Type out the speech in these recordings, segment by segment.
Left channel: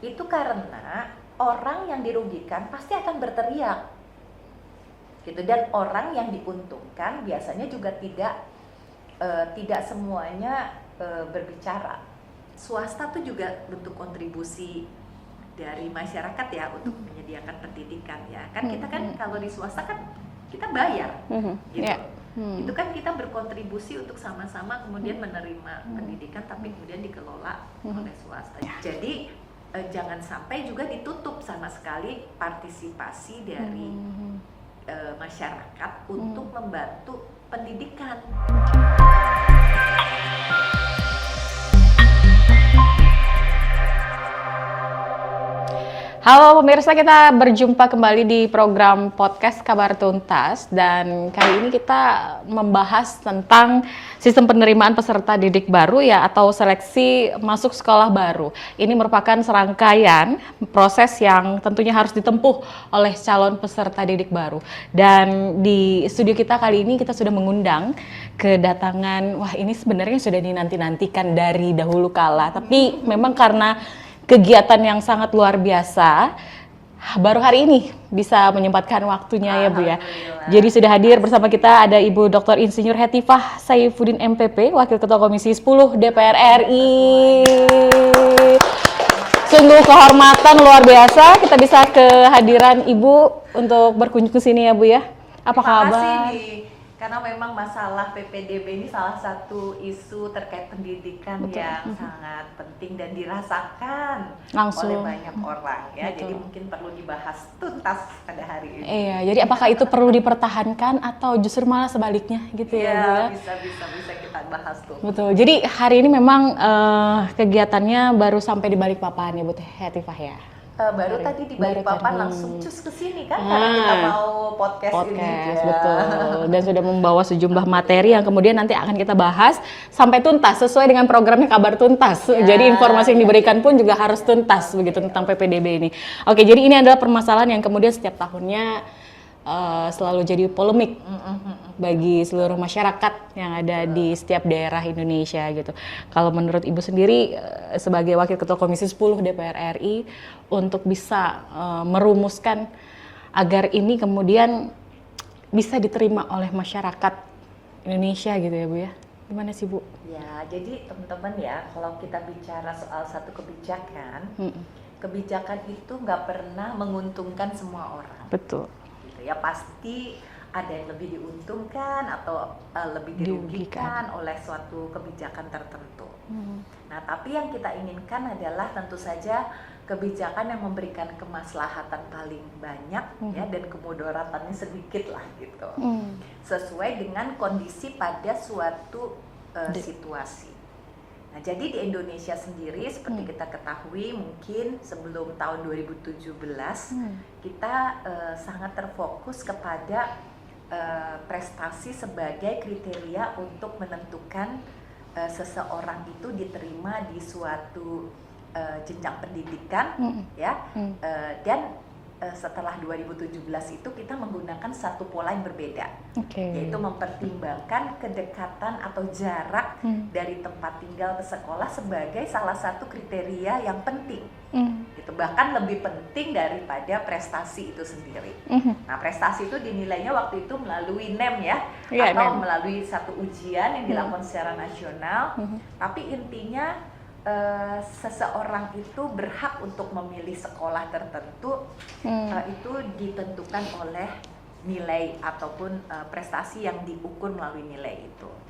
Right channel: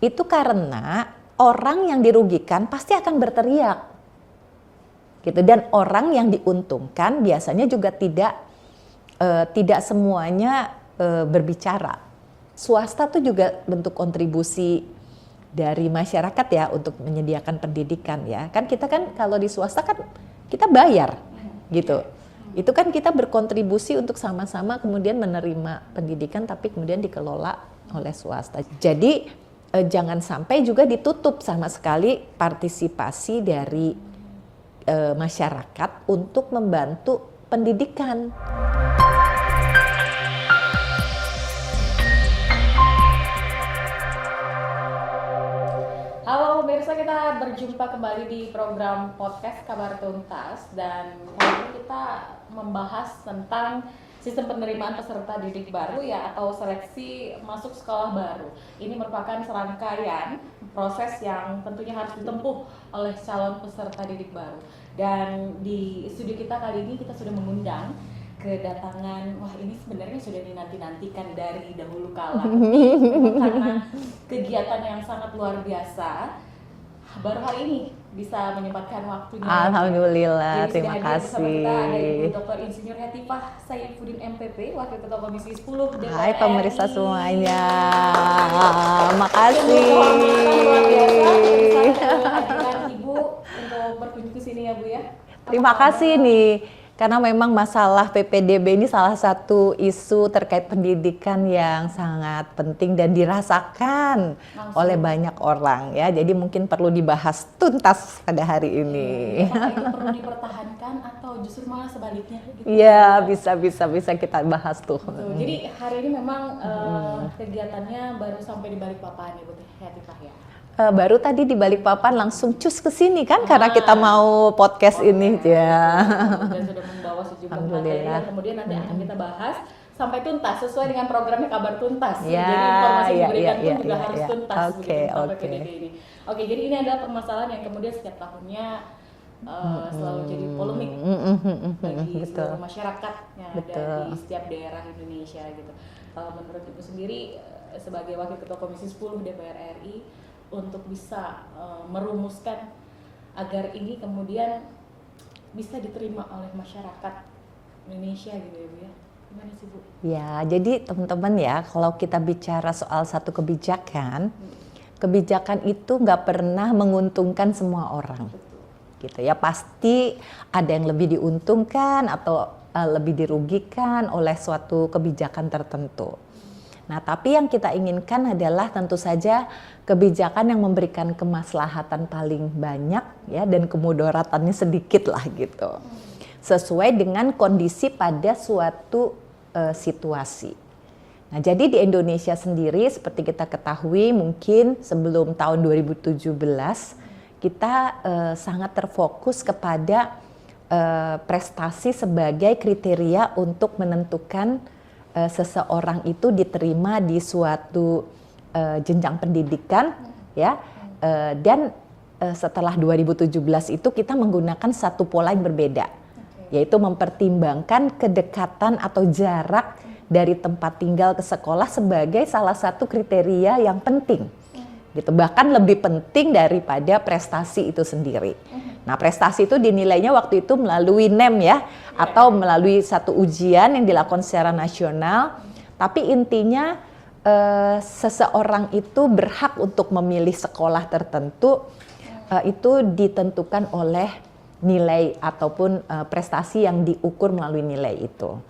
Itu karena orang yang dirugikan pasti akan berteriak. Gitu. Dan orang yang diuntungkan biasanya juga tidak semuanya berbicara. Swasta tuh juga bentuk kontribusi dari masyarakat ya untuk menyediakan pendidikan ya. Kan kita kan kalau di swasta kan kita bayar gitu. Itu kan kita berkontribusi untuk sama-sama kemudian menerima pendidikan tapi kemudian dikelola oleh swasta. Jadi jangan sampai juga ditutup sama sekali partisipasi dari masyarakat untuk membantu pendidikan. Halo pemirsa, kita berjumpa kembali di program podcast Kabar Tuntas dan kali ini kita membahas tentang sistem penerimaan peserta didik baru ya atau seleksi masuk sekolah baru. Ini merupakan serangkaian proses yang tentunya harus ditempuh oleh calon peserta didik baru. Dan di studio kita kali ini kita sudah mengundang kedatangan, wah ini sebenarnya sudah dinanti-nantikan dari dahulu kala, tapi memang karena kegiatan yang sangat luar biasa, baru hari ini bisa menyempatkan waktunya ya Bu ya. Jadi sudah hadir bersama kita ada Ibu Dr. Insinyur Hetifah Saifuddin MPP, Wakil Ketua Komisi 10 DPR RI. Sungguh kehormatan luar biasa kita bisa kehadiran Ibu untuk berkunjung ke sini ya Bu ya. Terima kasih nih. Karena memang masalah PPDB ini salah satu isu terkait pendidikan yang sangat penting dan dirasakan oleh banyak orang ya. Jadi mungkin perlu dibahas tuntas pada hari ini. Iya, jadi apakah itu perlu dipertahankan atau justru malah sebaliknya gitu ya? Iya, bisa kita bahas tuh. Betul. Jadi hari ini memang kegiatannya baru sampai di Balikpapan ya Bu Hetifah ya. Baru tadi di Balikpapan langsung cus ke sini kan karena kita mau podcast ini ya. Betul. Dan sudah membawa sejumlah materi yang kemudian nanti akan kita bahas sampai tuntas sesuai dengan programnya Kabar Tuntas. Ya, jadi informasi yang diberikan pun juga harus tuntas begitu tentang PPDB ini. Oke, jadi ini adalah permasalahan yang kemudian setiap tahunnya selalu jadi polemik bagi seluruh masyarakat yang ada di setiap daerah Indonesia gitu. Kalau menurut Ibu sendiri sebagai Wakil Ketua Komisi 10 DPR RI untuk bisa merumuskan agar ini kemudian bisa diterima oleh masyarakat Indonesia gitu ya Bu ya. Gimana sih Bu? Ya, jadi teman-teman ya, kalau kita bicara soal satu kebijakan, kebijakan itu nggak pernah menguntungkan semua orang. Betul. Gitu ya, pasti ada yang lebih diuntungkan atau lebih dirugikan oleh suatu kebijakan tertentu. Nah, tapi yang kita inginkan adalah tentu saja kebijakan yang memberikan kemaslahatan paling banyak ya dan kemudaratannya sedikit lah gitu. Sesuai dengan kondisi pada suatu situasi. Nah, jadi di Indonesia sendiri seperti kita ketahui mungkin sebelum tahun 2017 kita sangat terfokus kepada prestasi sebagai kriteria untuk menentukan seseorang itu diterima di suatu jenjang pendidikan ya. Dan setelah 2017 itu kita menggunakan satu pola yang berbeda, yaitu mempertimbangkan kedekatan atau jarak dari tempat tinggal ke sekolah sebagai salah satu kriteria yang penting, gitu. Bahkan lebih penting daripada prestasi itu sendiri. Nah, prestasi itu dinilainya waktu itu melalui NEM ya, atau melalui satu ujian yang dilakukan secara nasional. Tapi intinya seseorang itu berhak untuk memilih sekolah tertentu. Itu ditentukan oleh nilai ataupun prestasi yang diukur melalui nilai itu.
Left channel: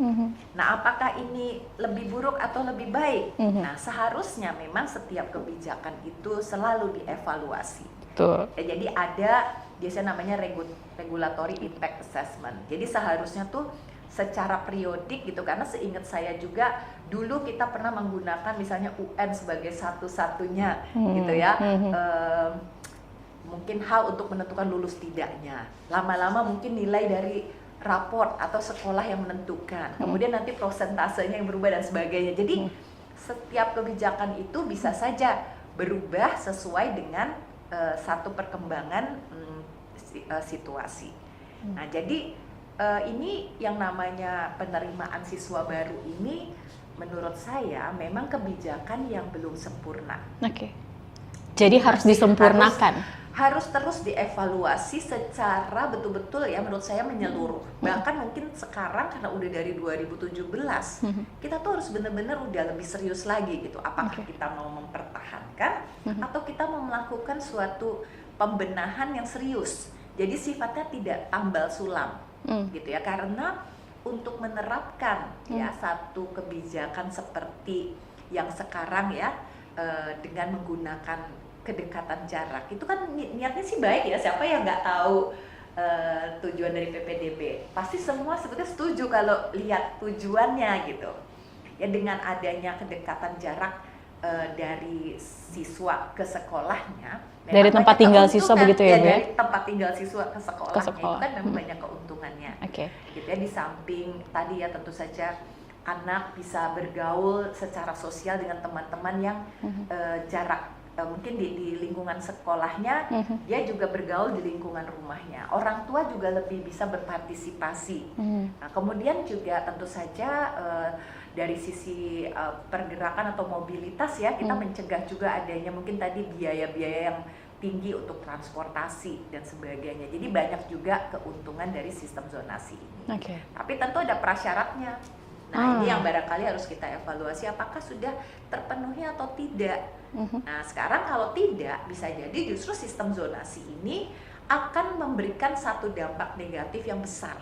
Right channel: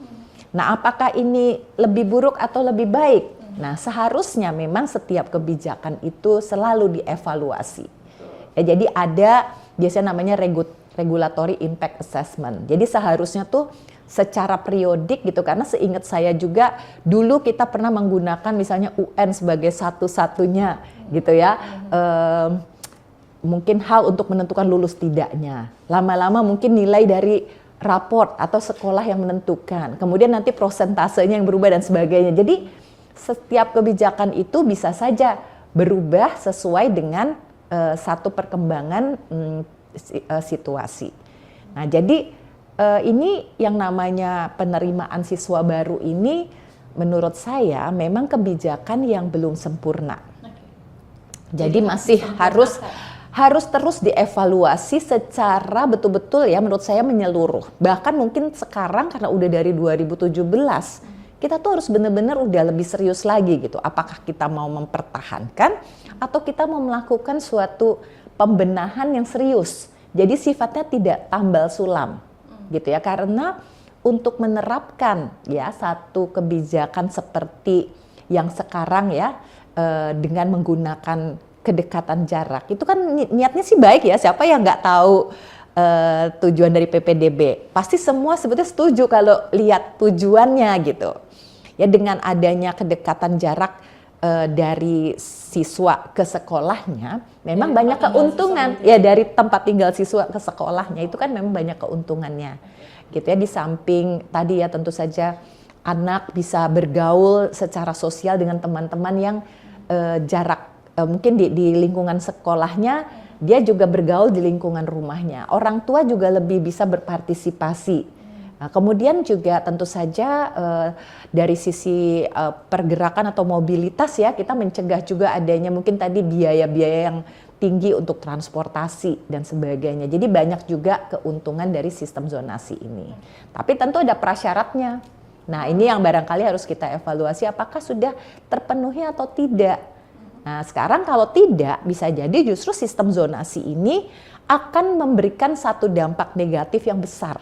Nah, apakah ini lebih buruk atau lebih baik? Nah, seharusnya memang setiap kebijakan itu selalu dievaluasi. Ya, jadi ada biasanya namanya regulatory impact assessment. Jadi seharusnya tuh secara periodik gitu, karena seingat saya juga dulu kita pernah menggunakan misalnya UN sebagai satu-satunya gitu ya. Mungkin hal untuk menentukan lulus tidaknya. Lama-lama mungkin nilai dari raport atau sekolah yang menentukan. Kemudian nanti prosentasenya yang berubah dan sebagainya. Jadi setiap kebijakan itu bisa saja berubah sesuai dengan satu perkembangan situasi. Nah, jadi ini yang namanya penerimaan siswa baru ini menurut saya memang kebijakan yang belum sempurna. Jadi harus disempurnakan. Harus terus dievaluasi secara betul-betul ya, menurut saya menyeluruh. Bahkan mungkin sekarang karena udah dari 2017, kita tuh harus benar-benar udah lebih serius lagi gitu. Apakah kita mau mempertahankan atau kita mau melakukan suatu pembenahan yang serius. Jadi sifatnya tidak tambal sulam gitu ya. Karena untuk menerapkan ya satu kebijakan seperti yang sekarang ya, dengan menggunakan kedekatan jarak itu kan niatnya sih baik ya, siapa yang nggak tahu tujuan dari PPDB, pasti semua sebetulnya setuju kalau lihat tujuannya gitu ya. Dengan adanya kedekatan jarak dari siswa ke sekolahnya, memang dari tempat banyak tinggal keuntungan siswa begitu ya, ya, dari tempat tinggal siswa ke sekolahnya itu kan memang banyak keuntungannya. Gitu ya. Di samping tadi ya tentu saja anak bisa bergaul secara sosial dengan teman-teman yang jarak mungkin di lingkungan sekolahnya, dia juga bergaul di lingkungan rumahnya. Orang tua juga lebih bisa berpartisipasi. Nah, kemudian juga tentu saja dari sisi pergerakan atau mobilitas ya, kita mencegah juga adanya mungkin tadi biaya-biaya yang tinggi untuk transportasi dan sebagainya. Jadi banyak juga keuntungan dari sistem zonasi ini. Tapi tentu ada prasyaratnya. Nah, ini yang barangkali harus kita evaluasi apakah sudah terpenuhi atau tidak. Nah, sekarang kalau tidak, bisa jadi justru sistem zonasi ini akan memberikan satu dampak negatif yang besar.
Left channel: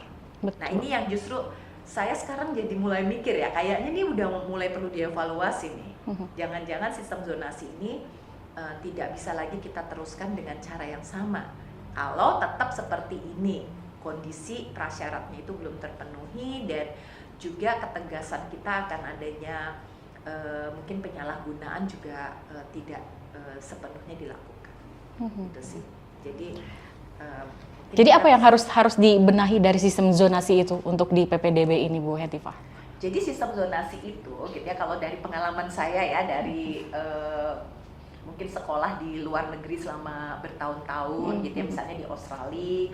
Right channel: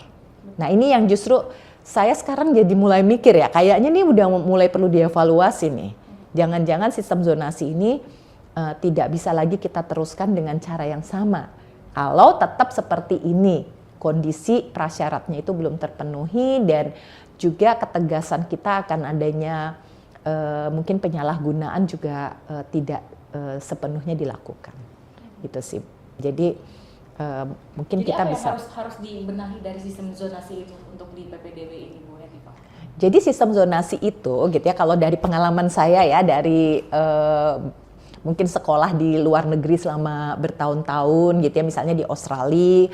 Nah, ini yang justru saya sekarang jadi mulai mikir ya, kayaknya ini udah mulai perlu dievaluasi nih. Jangan-jangan sistem zonasi ini tidak bisa lagi kita teruskan dengan cara yang sama. Kalau tetap seperti ini, kondisi prasyaratnya itu belum terpenuhi dan juga ketegasan kita akan adanya mungkin penyalahgunaan juga tidak sepenuhnya dilakukan, gitu sih. Jadi mungkin. Jadi apa yang harus dibenahi dari sistem zonasi itu untuk di PPDB ini, Bu Hetifah? Jadi sistem zonasi itu, gitu ya. Kalau dari pengalaman saya ya, dari mungkin sekolah di luar negeri selama bertahun-tahun, gitu ya, misalnya di Australia,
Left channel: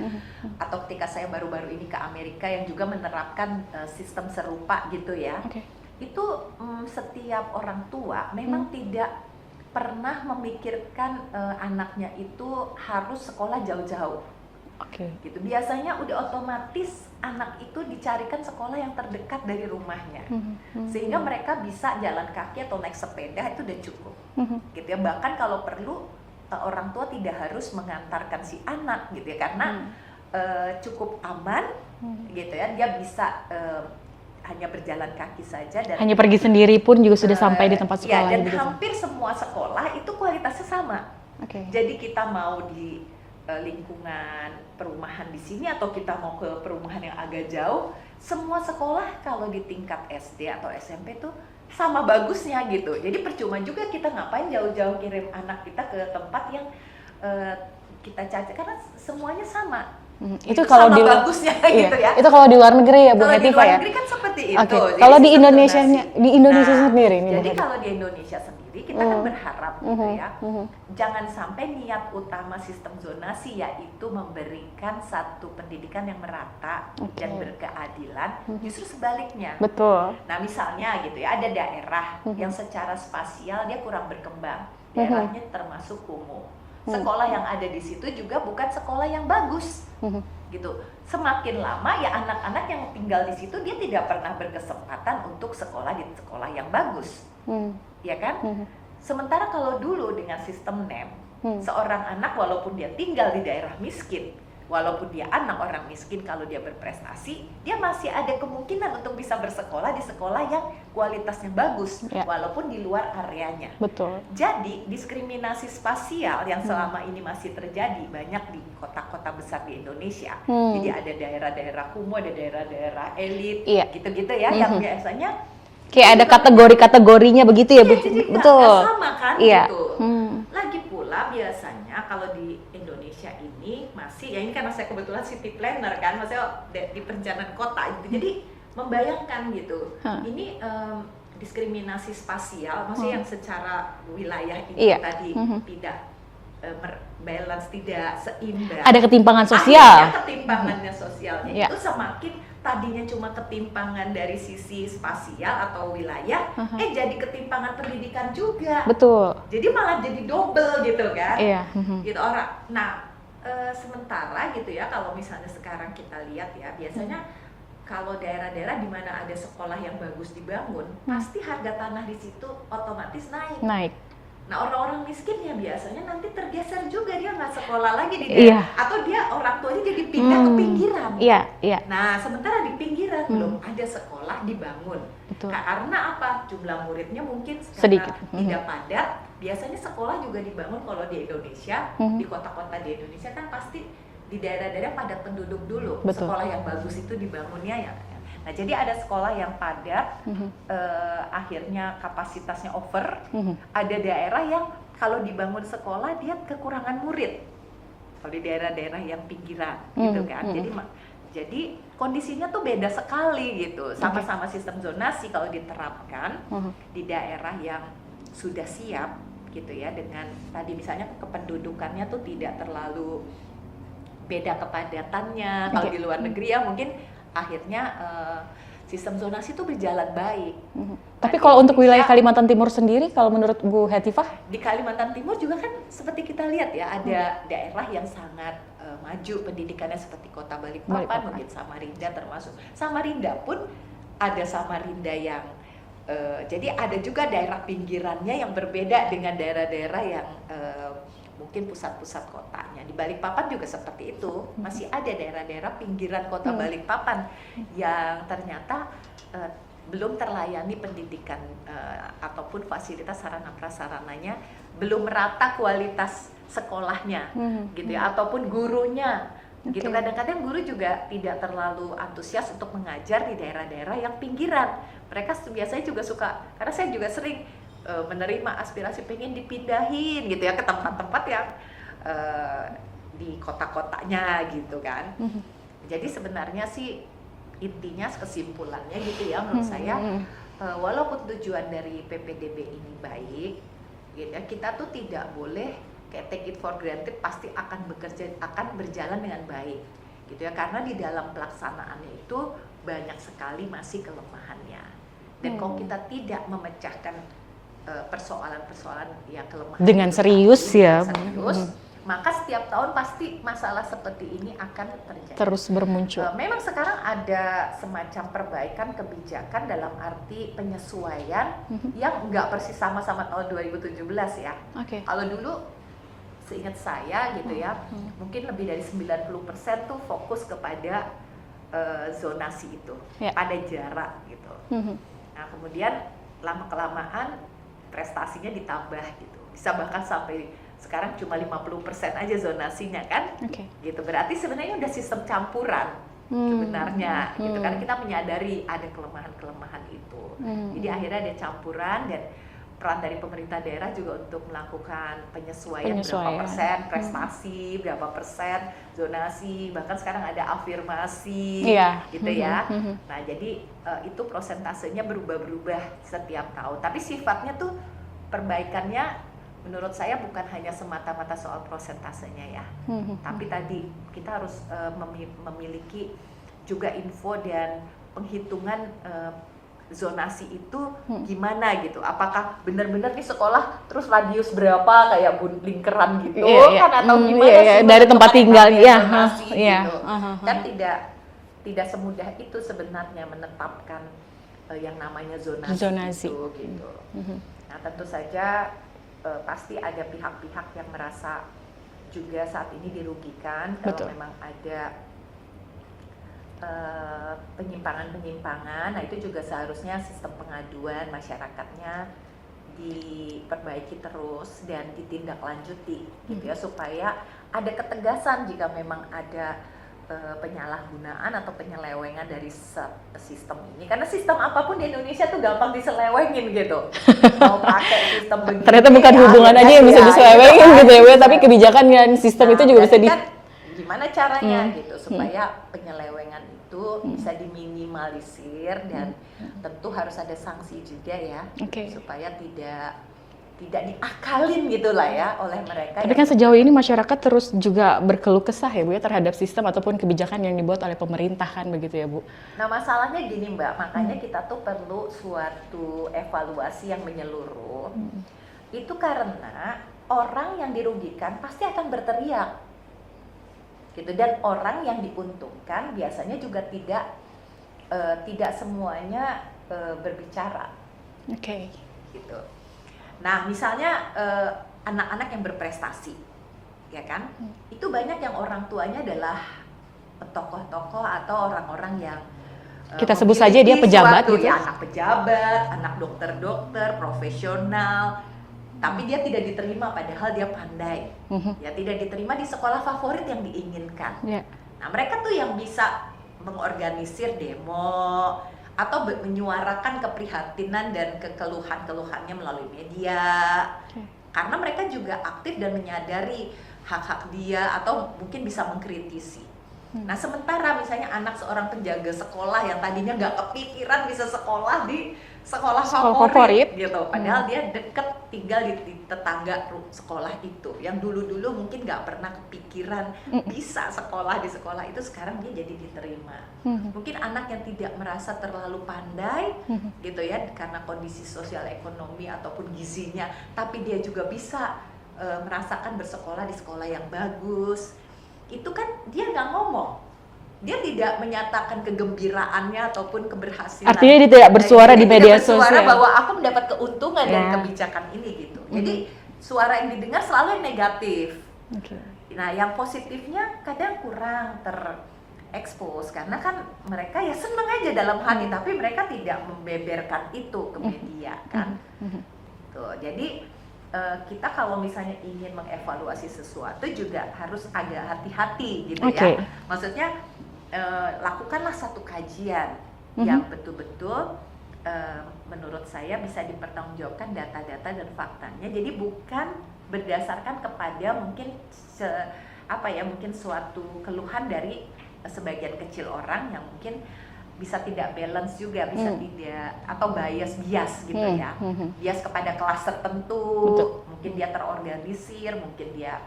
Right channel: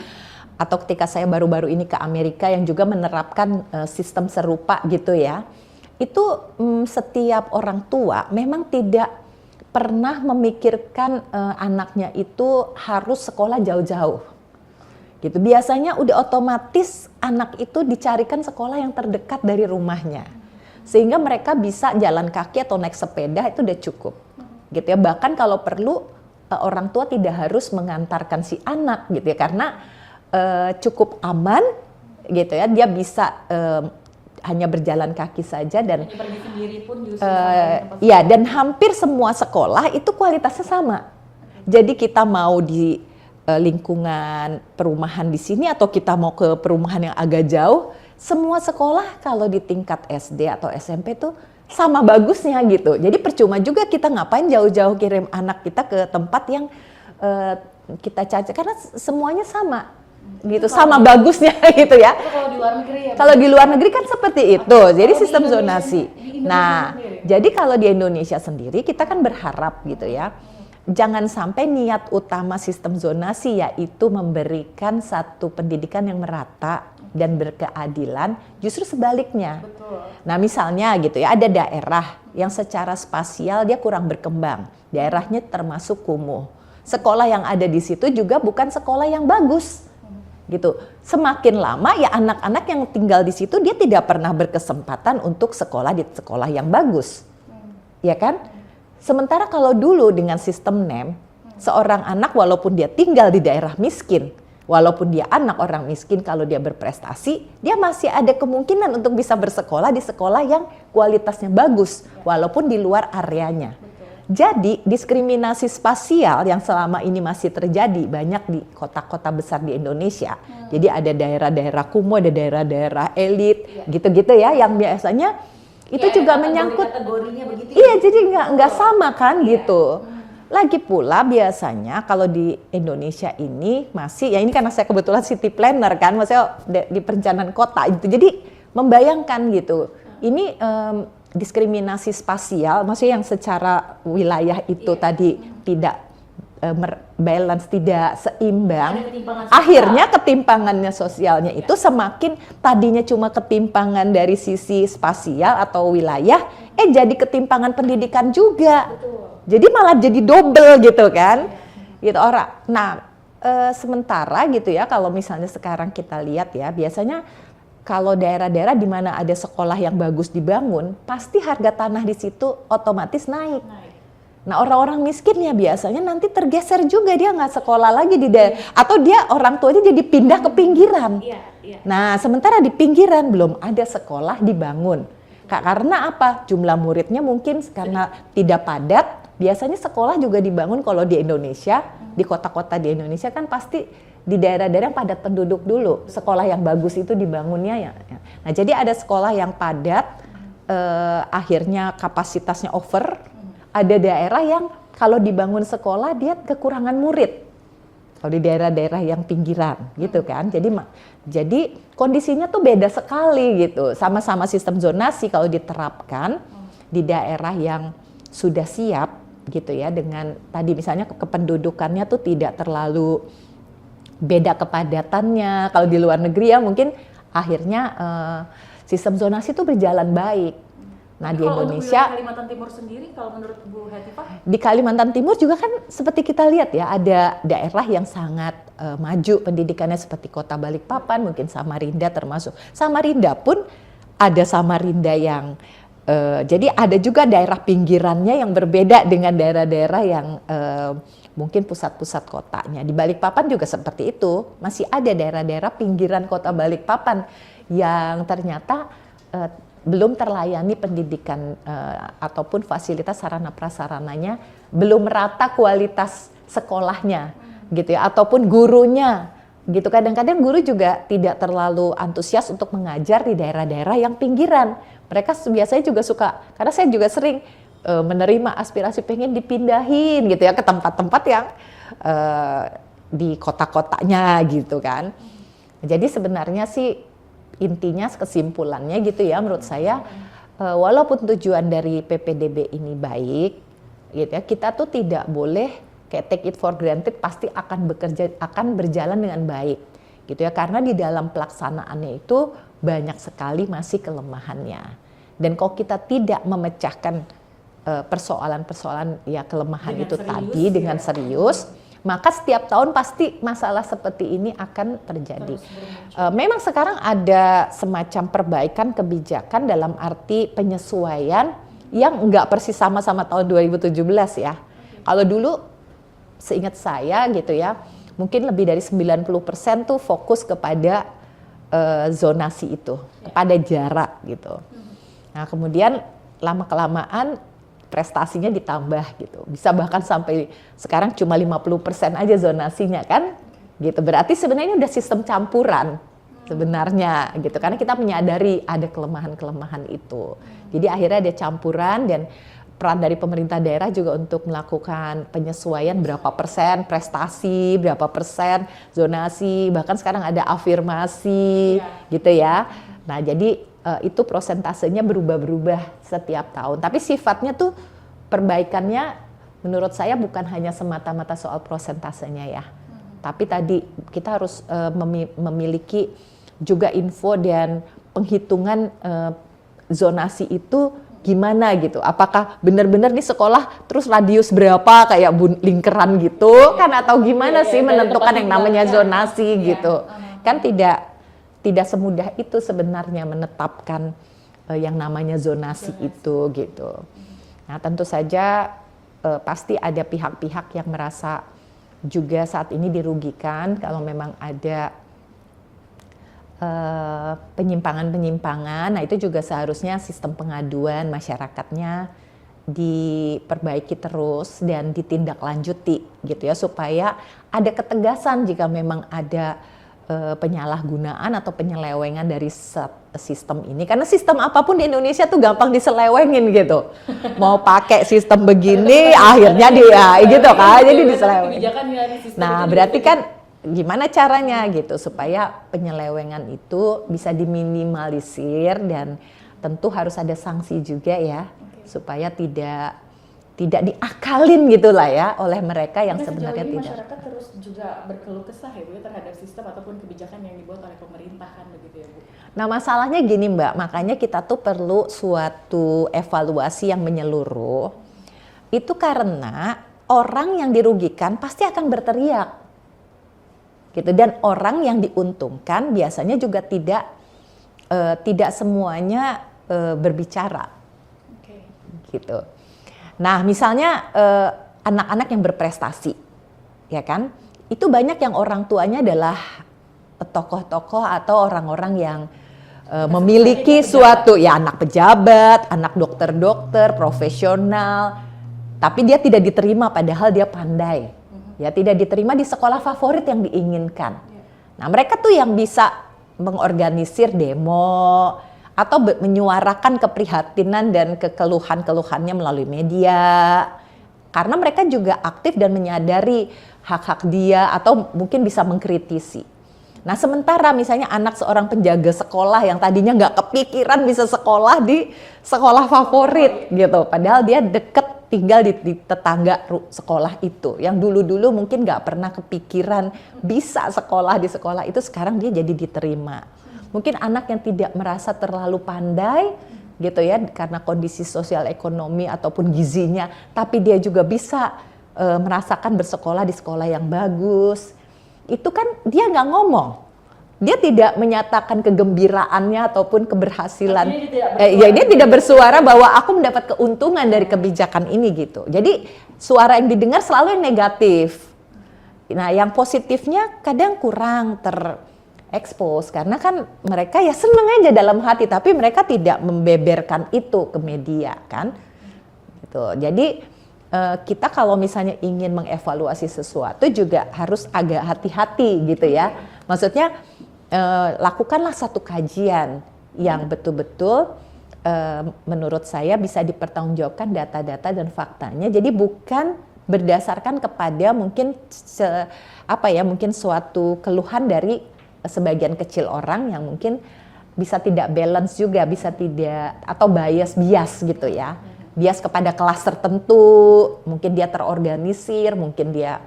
atau ketika saya baru-baru ini ke Amerika yang juga menerapkan sistem serupa, gitu ya. Itu setiap orang tua memang tidak pernah memikirkan anaknya itu harus sekolah jauh-jauh. Gitu. Biasanya udah otomatis anak itu dicarikan sekolah yang terdekat dari rumahnya. Sehingga mereka bisa jalan kaki atau naik sepeda itu udah cukup. Gitu ya. Bahkan kalau perlu orang tua tidak harus mengantarkan si anak gitu ya, karena cukup aman gitu ya. Dia bisa hanya berjalan kaki saja dan hanya pergi sendiri pun juga sudah sampai di tempat sekolah. Iya, dan hampir semua sekolah itu kualitasnya sama. Jadi kita mau di lingkungan perumahan di sini atau kita mau ke perumahan yang agak jauh, semua sekolah kalau di tingkat SD atau SMP tuh sama bagusnya gitu. Jadi percuma juga kita ngapain jauh-jauh kirim anak kita ke tempat yang kita cari, karena semuanya sama. Gitu, itu sama bagusnya gitu ya. Itu kalau di luar negeri ya. Kalau di luar negeri kan seperti itu. Jadi kalau di Indonesia sendiri. Jadi kalau di Indonesia sendiri kita kan berharap gitu ya. Jangan sampai niat utama sistem zonasi yaitu memberikan satu pendidikan yang merata dan berkeadilan, justru sebaliknya. Betul. Nah, misalnya gitu ya, ada daerah yang secara spasial dia kurang berkembang. Daerahnya termasuk kumuh. Sekolah yang ada di situ juga bukan sekolah yang bagus. Gitu. Semakin lama ya anak-anak yang tinggal di situ dia tidak pernah berkesempatan untuk sekolah di sekolah yang bagus. Ya kan? Sementara kalau dulu dengan sistem NEM, seorang anak walaupun dia tinggal di daerah miskin, walaupun dia anak orang miskin, kalau dia berprestasi, dia masih ada kemungkinan untuk bisa bersekolah di sekolah yang kualitasnya bagus, walaupun di luar areanya. Betul. Jadi diskriminasi spasial yang selama ini masih terjadi banyak di kota-kota besar di Indonesia. Jadi ada daerah-daerah kumuh, ada daerah-daerah elit, gitu-gitu ya, yang biasanya kayak ada kategori-kategorinya begitu ya, iya, jadi nggak sama kan gitu. Lagi pula biasanya kalau di Indonesia ini masih, ya ini karena saya kebetulan city planner kan, maksudnya di perencanaan kota gitu. Jadi membayangkan gitu, ini diskriminasi spasial, maksudnya yang secara wilayah itu tadi tidak balance, tidak seimbang. Ada ketimpangan sosial. Akhirnya ketimpangannya sosialnya Ya. itu semakin tadinya cuma ketimpangan dari sisi spasial atau wilayah, jadi ketimpangan pendidikan juga. Betul. Jadi malah jadi double gitu kan. Iya. Gitu orang. Nah, sementara gitu ya, kalau misalnya sekarang kita lihat ya, biasanya kalau daerah-daerah di mana ada sekolah yang bagus dibangun, pasti harga tanah di situ otomatis naik. Nah, orang-orang miskin ya biasanya nanti tergeser juga, dia nggak sekolah lagi di daerah, atau dia orang tuanya jadi pindah ke pinggiran. Iya. Nah, sementara di pinggiran belum ada sekolah dibangun. Karena apa? Jumlah muridnya mungkin karena tidak padat. Biasanya sekolah juga dibangun kalau di Indonesia, di kota-kota di Indonesia kan pasti di daerah-daerah yang padat penduduk dulu. Sekolah yang bagus itu dibangunnya ya. Nah, jadi ada sekolah yang padat, akhirnya kapasitasnya over. Ada daerah yang kalau dibangun sekolah dia kekurangan murid. Kalau di daerah-daerah yang pinggiran, gitu kan. Jadi kondisinya tuh beda sekali gitu. Sama-sama sistem zonasi kalau diterapkan di daerah yang sudah siap gitu ya, dengan tadi misalnya kependudukannya tuh tidak terlalu beda kepadatannya. Kalau di luar negeri ya mungkin akhirnya sistem zonasi itu berjalan baik. Nah, tapi kalau untuk wilayah Kalimantan Timur sendiri, kalau menurut Bu Hetifah? Di Kalimantan Timur juga kan seperti kita lihat ya, ada daerah yang sangat maju pendidikannya seperti Kota Balikpapan, mungkin Samarinda termasuk. Samarinda pun ada Samarinda yang jadi ada juga daerah pinggirannya yang berbeda dengan daerah-daerah yang mungkin pusat-pusat kotanya. Di Balikpapan juga seperti itu, masih ada daerah-daerah pinggiran kota Balikpapan yang ternyata belum terlayani pendidikan ataupun fasilitas sarana prasarananya, belum merata kualitas sekolahnya gitu ya, ataupun gurunya gitu. Kadang-kadang guru juga tidak terlalu antusias untuk mengajar di daerah-daerah yang pinggiran. Mereka biasanya juga suka, karena saya juga sering menerima aspirasi pengen dipindahin gitu ya ke tempat-tempat yang di kota-kotanya gitu kan. Jadi sebenarnya sih intinya kesimpulannya gitu ya menurut saya, walaupun tujuan dari PPDB ini baik gitu ya, kita tuh tidak boleh kayak take it for granted pasti akan berjalan dengan baik gitu ya, karena di dalam pelaksanaannya itu banyak sekali masih kelemahannya. Dan kalau kita tidak memecahkan persoalan-persoalan ya kelemahan dengan itu serius tadi, ya, dengan serius, maka setiap tahun pasti masalah seperti ini akan terjadi. Terus bermuncul. Memang sekarang ada semacam perbaikan kebijakan dalam arti penyesuaian yang nggak persis sama-sama tahun 2017 ya. Kalau dulu seingat saya gitu ya, mungkin lebih dari 90% tuh fokus kepada zonasi itu, pada jarak gitu. Nah, kemudian lama-kelamaan prestasinya ditambah gitu. Bisa bahkan sampai sekarang cuma 50% aja zonasinya kan. Gitu. Berarti sebenarnya udah sistem campuran sebenarnya gitu. Karena kita menyadari ada kelemahan-kelemahan itu. Jadi akhirnya ada campuran, dan peran dari pemerintah daerah juga untuk melakukan penyesuaian. Berapa persen prestasi, berapa persen zonasi, bahkan sekarang ada afirmasi gitu ya. Nah, jadi itu prosentasenya berubah-berubah setiap tahun. Tapi sifatnya tuh perbaikannya menurut saya bukan hanya semata-mata soal prosentasenya ya. Tapi tadi kita harus memiliki juga info dan penghitungan zonasi itu gimana gitu. Apakah benar-benar nih sekolah terus radius berapa kayak lingkaran gitu kan, atau gimana sih dari tempat tinggalnya zonasi gitu. Kan tidak semudah itu sebenarnya menetapkan yang namanya zonasi itu gitu. Nah, tentu saja pasti ada pihak-pihak yang merasa juga saat ini dirugikan kalau memang ada penyimpangan-penyimpangan. Nah, itu juga seharusnya sistem pengaduan masyarakatnya diperbaiki terus dan ditindaklanjuti gitu ya, supaya ada ketegasan jika memang ada penyalahgunaan atau penyelewengan dari sistem ini. Karena sistem apapun di Indonesia tuh gampang diselewengin gitu. Mau pakai sistem begini, akhirnya gitu kan. Tapi kebijakan dan sistem itu juga bisa kan gimana caranya gitu supaya penyelewengan itu bisa diminimalisir, dan tentu harus ada sanksi juga ya, supaya tidak tidak diakalin gitulah ya oleh mereka. Tapi yang kan sejauh sebenarnya ini tidak. masyarakat terus juga berkeluh kesah ya Bu ya terhadap sistem ataupun kebijakan yang dibuat oleh pemerintah kan begitu ya Bu. Nah masalahnya gini Mbak, makanya kita tuh perlu suatu evaluasi yang menyeluruh. Itu karena orang yang dirugikan pasti akan berteriak, gitu. Dan orang yang diuntungkan biasanya juga tidak semuanya berbicara, Oke. gitu. Nah misalnya anak-anak yang berprestasi, ya kan? Itu banyak yang orang tuanya adalah tokoh-tokoh atau orang-orang yang Kita sebut saja dia memiliki pejabat. suatu ya anak pejabat, anak dokter-dokter, profesional, tapi dia tidak diterima padahal dia pandai, ya tidak diterima di sekolah favorit yang diinginkan. Ya. Nah mereka tuh yang bisa mengorganisir demo atau menyuarakan keprihatinan dan kekeluhan-keluhannya melalui media, karena mereka juga aktif dan menyadari hak-hak dia atau mungkin bisa mengkritisi. Nah sementara misalnya anak seorang penjaga sekolah yang tadinya nggak kepikiran bisa sekolah di sekolah favorit gitu, padahal dia deket tinggal di tetangga sekolah itu, yang dulu-dulu mungkin nggak pernah kepikiran bisa sekolah di sekolah itu, sekarang dia jadi diterima. Mungkin anak yang tidak merasa terlalu pandai gitu ya karena kondisi sosial ekonomi ataupun gizinya, tapi dia juga bisa merasakan bersekolah di sekolah yang bagus. Itu kan dia nggak ngomong, dia tidak menyatakan kegembiraannya ataupun keberhasilan. Artinya dia tidak bersuara dia di tidak media bersuara sosial. bahwa aku mendapat keuntungan dari Ya. kebijakan ini gitu. Jadi suara yang didengar selalu yang negatif. Oke. Nah yang positifnya kadang kurang terekspos karena kan mereka ya seneng aja dalam hati, tapi mereka tidak membeberkan itu ke media kan. Gitu. Jadi kita kalau misalnya ingin mengevaluasi sesuatu juga harus agak hati-hati gitu ya. Oke. Maksudnya lakukanlah satu kajian yang betul-betul menurut saya bisa dipertanggungjawabkan data-data dan faktanya. Jadi bukan berdasarkan kepada mungkin mungkin suatu keluhan dari sebagian kecil orang yang mungkin bisa tidak balance juga, bisa tidak atau bias gitu ya. Bias kepada kelas tertentu, mungkin dia terorganisir, mungkin dia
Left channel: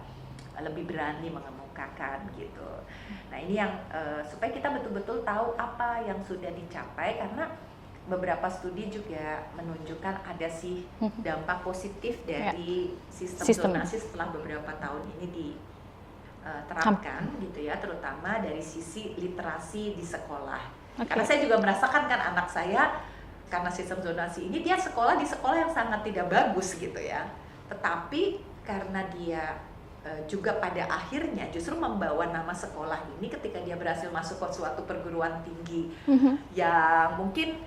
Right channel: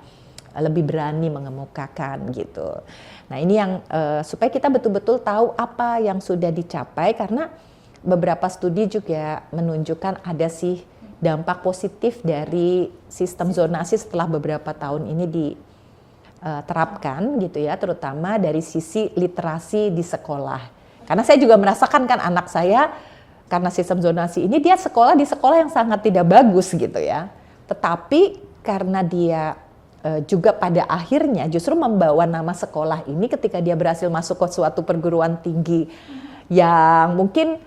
lebih berani mengemukakan gitu. Nah, ini yang supaya kita betul-betul tahu apa yang sudah dicapai, karena beberapa studi juga menunjukkan ada sih dampak positif dari sistem zonasi setelah beberapa tahun ini diterapkan gitu ya, terutama dari sisi literasi di sekolah. Karena saya juga merasakan kan anak saya karena sistem zonasi ini dia sekolah di sekolah yang sangat tidak bagus gitu ya. Tetapi karena dia juga pada akhirnya justru membawa nama sekolah ini ketika dia berhasil masuk ke suatu perguruan tinggi yang mungkin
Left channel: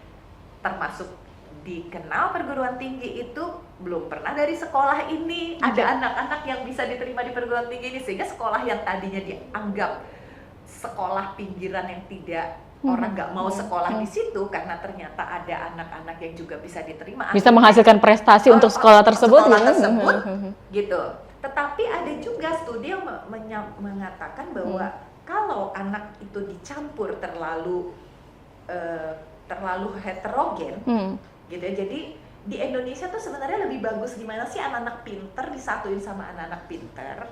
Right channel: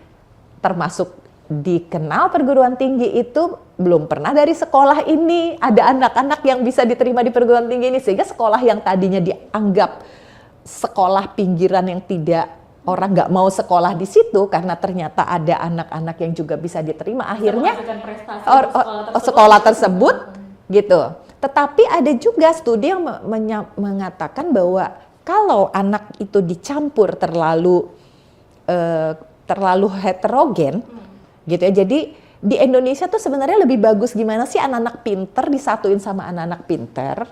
termasuk dikenal perguruan tinggi itu belum pernah dari sekolah ini ada anak-anak yang bisa diterima di perguruan tinggi ini, sehingga sekolah yang tadinya dianggap sekolah pinggiran yang tidak orang nggak mau sekolah di situ karena ternyata ada anak-anak yang juga bisa diterima, Bisa menghasilkan prestasi untuk sekolah tersebut. Gitu. Tetapi ada juga studi yang mengatakan bahwa kalau anak itu dicampur terlalu heterogen, gitu ya. Jadi di Indonesia tuh sebenarnya lebih bagus gimana sih anak-anak pinter disatuin sama anak-anak pinter,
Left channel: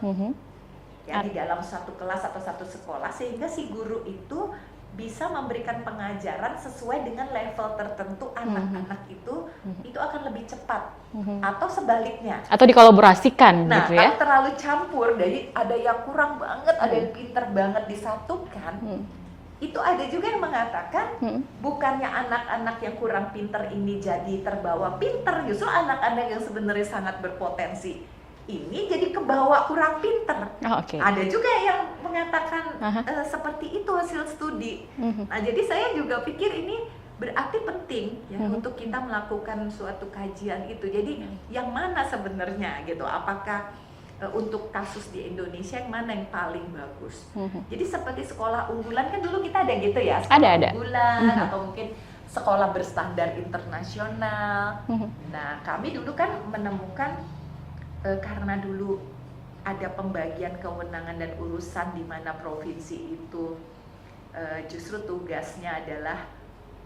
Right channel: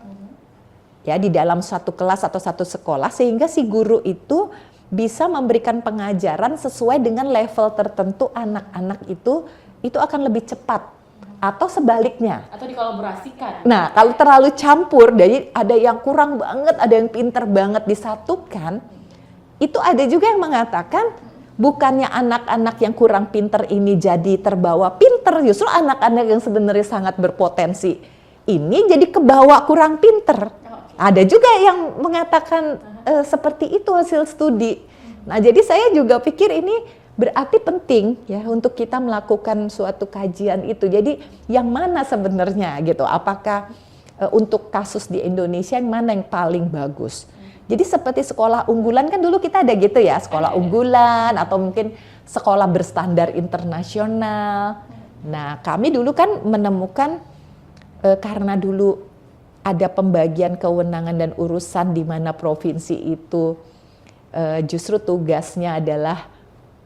ya di dalam satu kelas atau satu sekolah, sehingga si guru itu bisa memberikan pengajaran sesuai dengan level tertentu anak-anak itu akan lebih cepat, atau sebaliknya. Atau dikolaborasikan. Nah, gitu ya. kalau terlalu campur, jadi ada yang kurang banget, ada yang pinter banget disatukan, itu ada juga yang mengatakan bukannya anak-anak yang kurang pinter ini jadi terbawa pinter, justru anak-anak yang sebenarnya sangat berpotensi ini jadi kebawa kurang pinter. Ada juga yang mengatakan seperti itu hasil studi. Nah, jadi saya juga pikir ini berarti penting ya untuk kita melakukan suatu kajian itu. Jadi yang mana sebenarnya gitu? Apakah untuk kasus di Indonesia yang mana yang paling bagus? Jadi seperti sekolah unggulan kan dulu kita ada gitu ya, sekolah unggulan atau mungkin sekolah berstandar internasional. Nah, kami dulu kan menemukan karena dulu ada pembagian kewenangan dan urusan di mana provinsi itu justru tugasnya adalah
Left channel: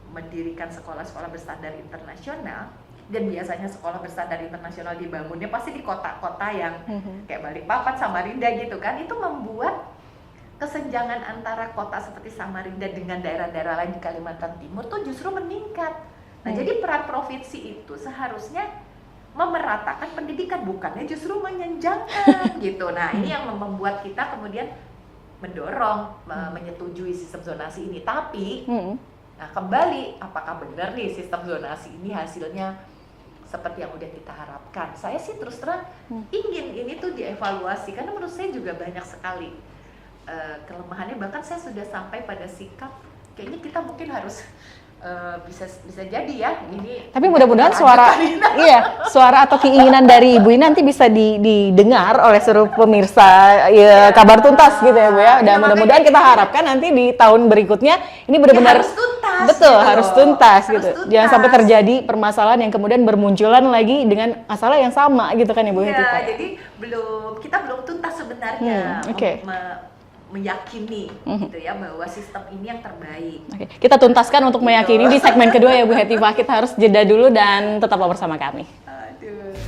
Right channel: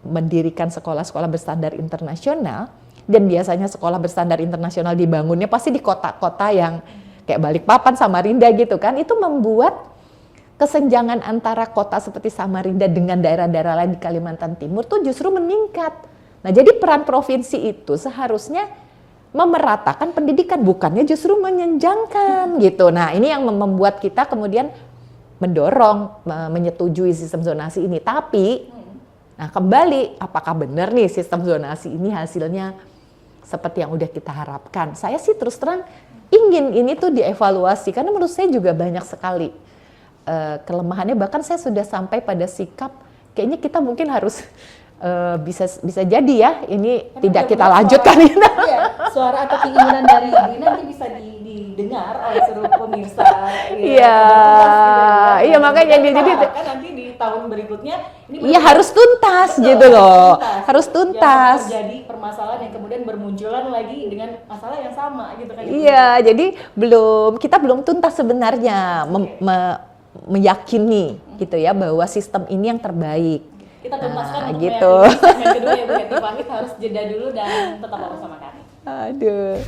mendirikan sekolah-sekolah berstandar internasional. Dan biasanya sekolah berstandar internasional dibangunnya pasti di kota-kota yang kayak Balikpapan, Samarinda gitu kan. Itu membuat kesenjangan antara kota seperti Samarinda dengan daerah-daerah lain di Kalimantan Timur tuh justru meningkat. Nah, jadi peran provinsi itu seharusnya memeratakan pendidikan, bukannya justru menyenjangkan gitu. Nah, ini yang membuat kita kemudian mendorong menyetujui sistem zonasi ini. Tapi, nah kembali, apakah benar nih sistem zonasi ini hasilnya seperti yang udah kita harapkan? Saya sih terus terang ingin ini tuh dievaluasi, karena menurut saya juga banyak sekali kelemahannya. Bahkan saya sudah sampai pada sikap kayaknya kita mungkin harus bisa jadi ya ini, tapi tidak mudah-mudahan kita lanjutkan. iya, suara atau keinginan dari Ibu ini nanti bisa didengar oleh seluruh pemirsa Kabar Tuntas gitu ya Bu ya. Dan mudah-mudahan kita harapkan nanti di tahun berikutnya ini benar-benar harus tuntas. Betul, gitu harus loh. tuntas. Harus gitu. tuntas. Jangan sampai terjadi permasalahan yang kemudian bermunculan lagi dengan masalah yang sama gitu kan Ibu. Iya, jadi kita belum tuntas sebenarnya meyakini gitu ya bahwa sistem ini yang terbaik. Oke. Kita tuntaskan untuk gitu. meyakini di segmen kedua ya Bu Hetifah. Kita harus jeda dulu dan tetaplah bersama kami. Aduh.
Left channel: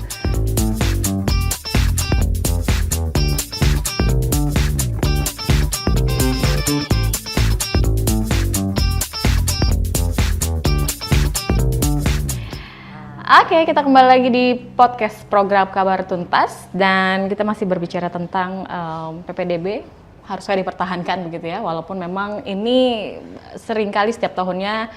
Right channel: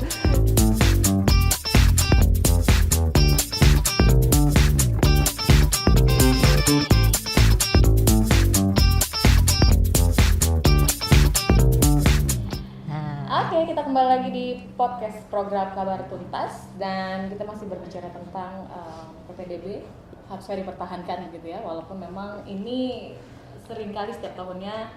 Oke, kita kembali lagi di podcast program Kabar Tuntas dan kita masih berbicara tentang PPDB harusnya dipertahankan begitu ya, walaupun memang ini seringkali setiap tahunnya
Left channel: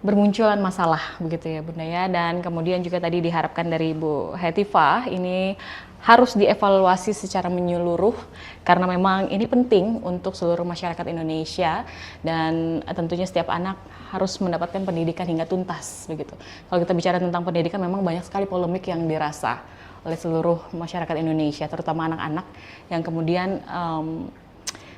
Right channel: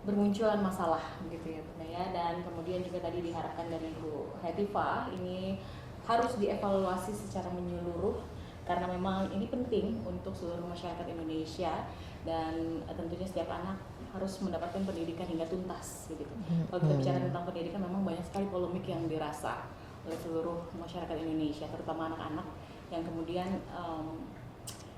bermunculan masalah begitu ya Bunda ya, dan kemudian juga tadi diharapkan dari Bu Hetifah ini harus dievaluasi secara menyeluruh karena memang ini penting untuk seluruh masyarakat Indonesia dan tentunya setiap anak harus mendapatkan pendidikan hingga tuntas begitu. Kalau kita bicara tentang pendidikan memang banyak sekali polemik yang dirasa oleh seluruh masyarakat Indonesia, terutama anak-anak yang kemudian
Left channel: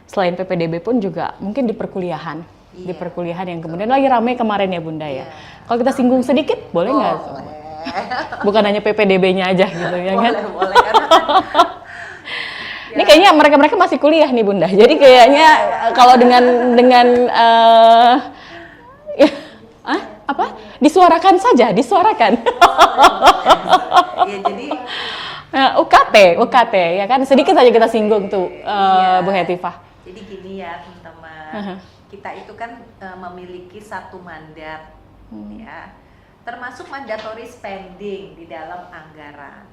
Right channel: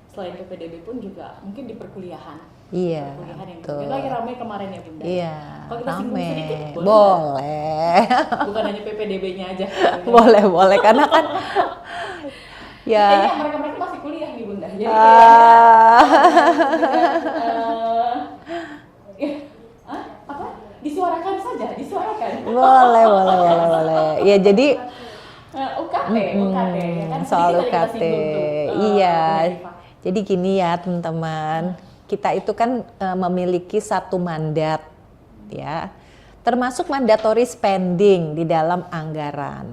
selain PPDB pun juga mungkin di perkuliahan. Di perkuliahan yang kemudian lagi ramai kemarin ya Bunda ya. Kalau kita singgung sedikit boleh nggak? Boleh. Bukan hanya PPDB-nya aja gitu ya. Boleh karena kan ini kayaknya mereka masih kuliah nih Bunda. Jadi kayaknya kalau dengan disuarakan saja, boleh. Ya jadi UKT ya kan sedikit saja kita singgung tuh Bu Hetifah. Jadi gini ya teman-teman, kita itu kan memiliki satu mandat ya, termasuk mandatory spending di dalam anggaran.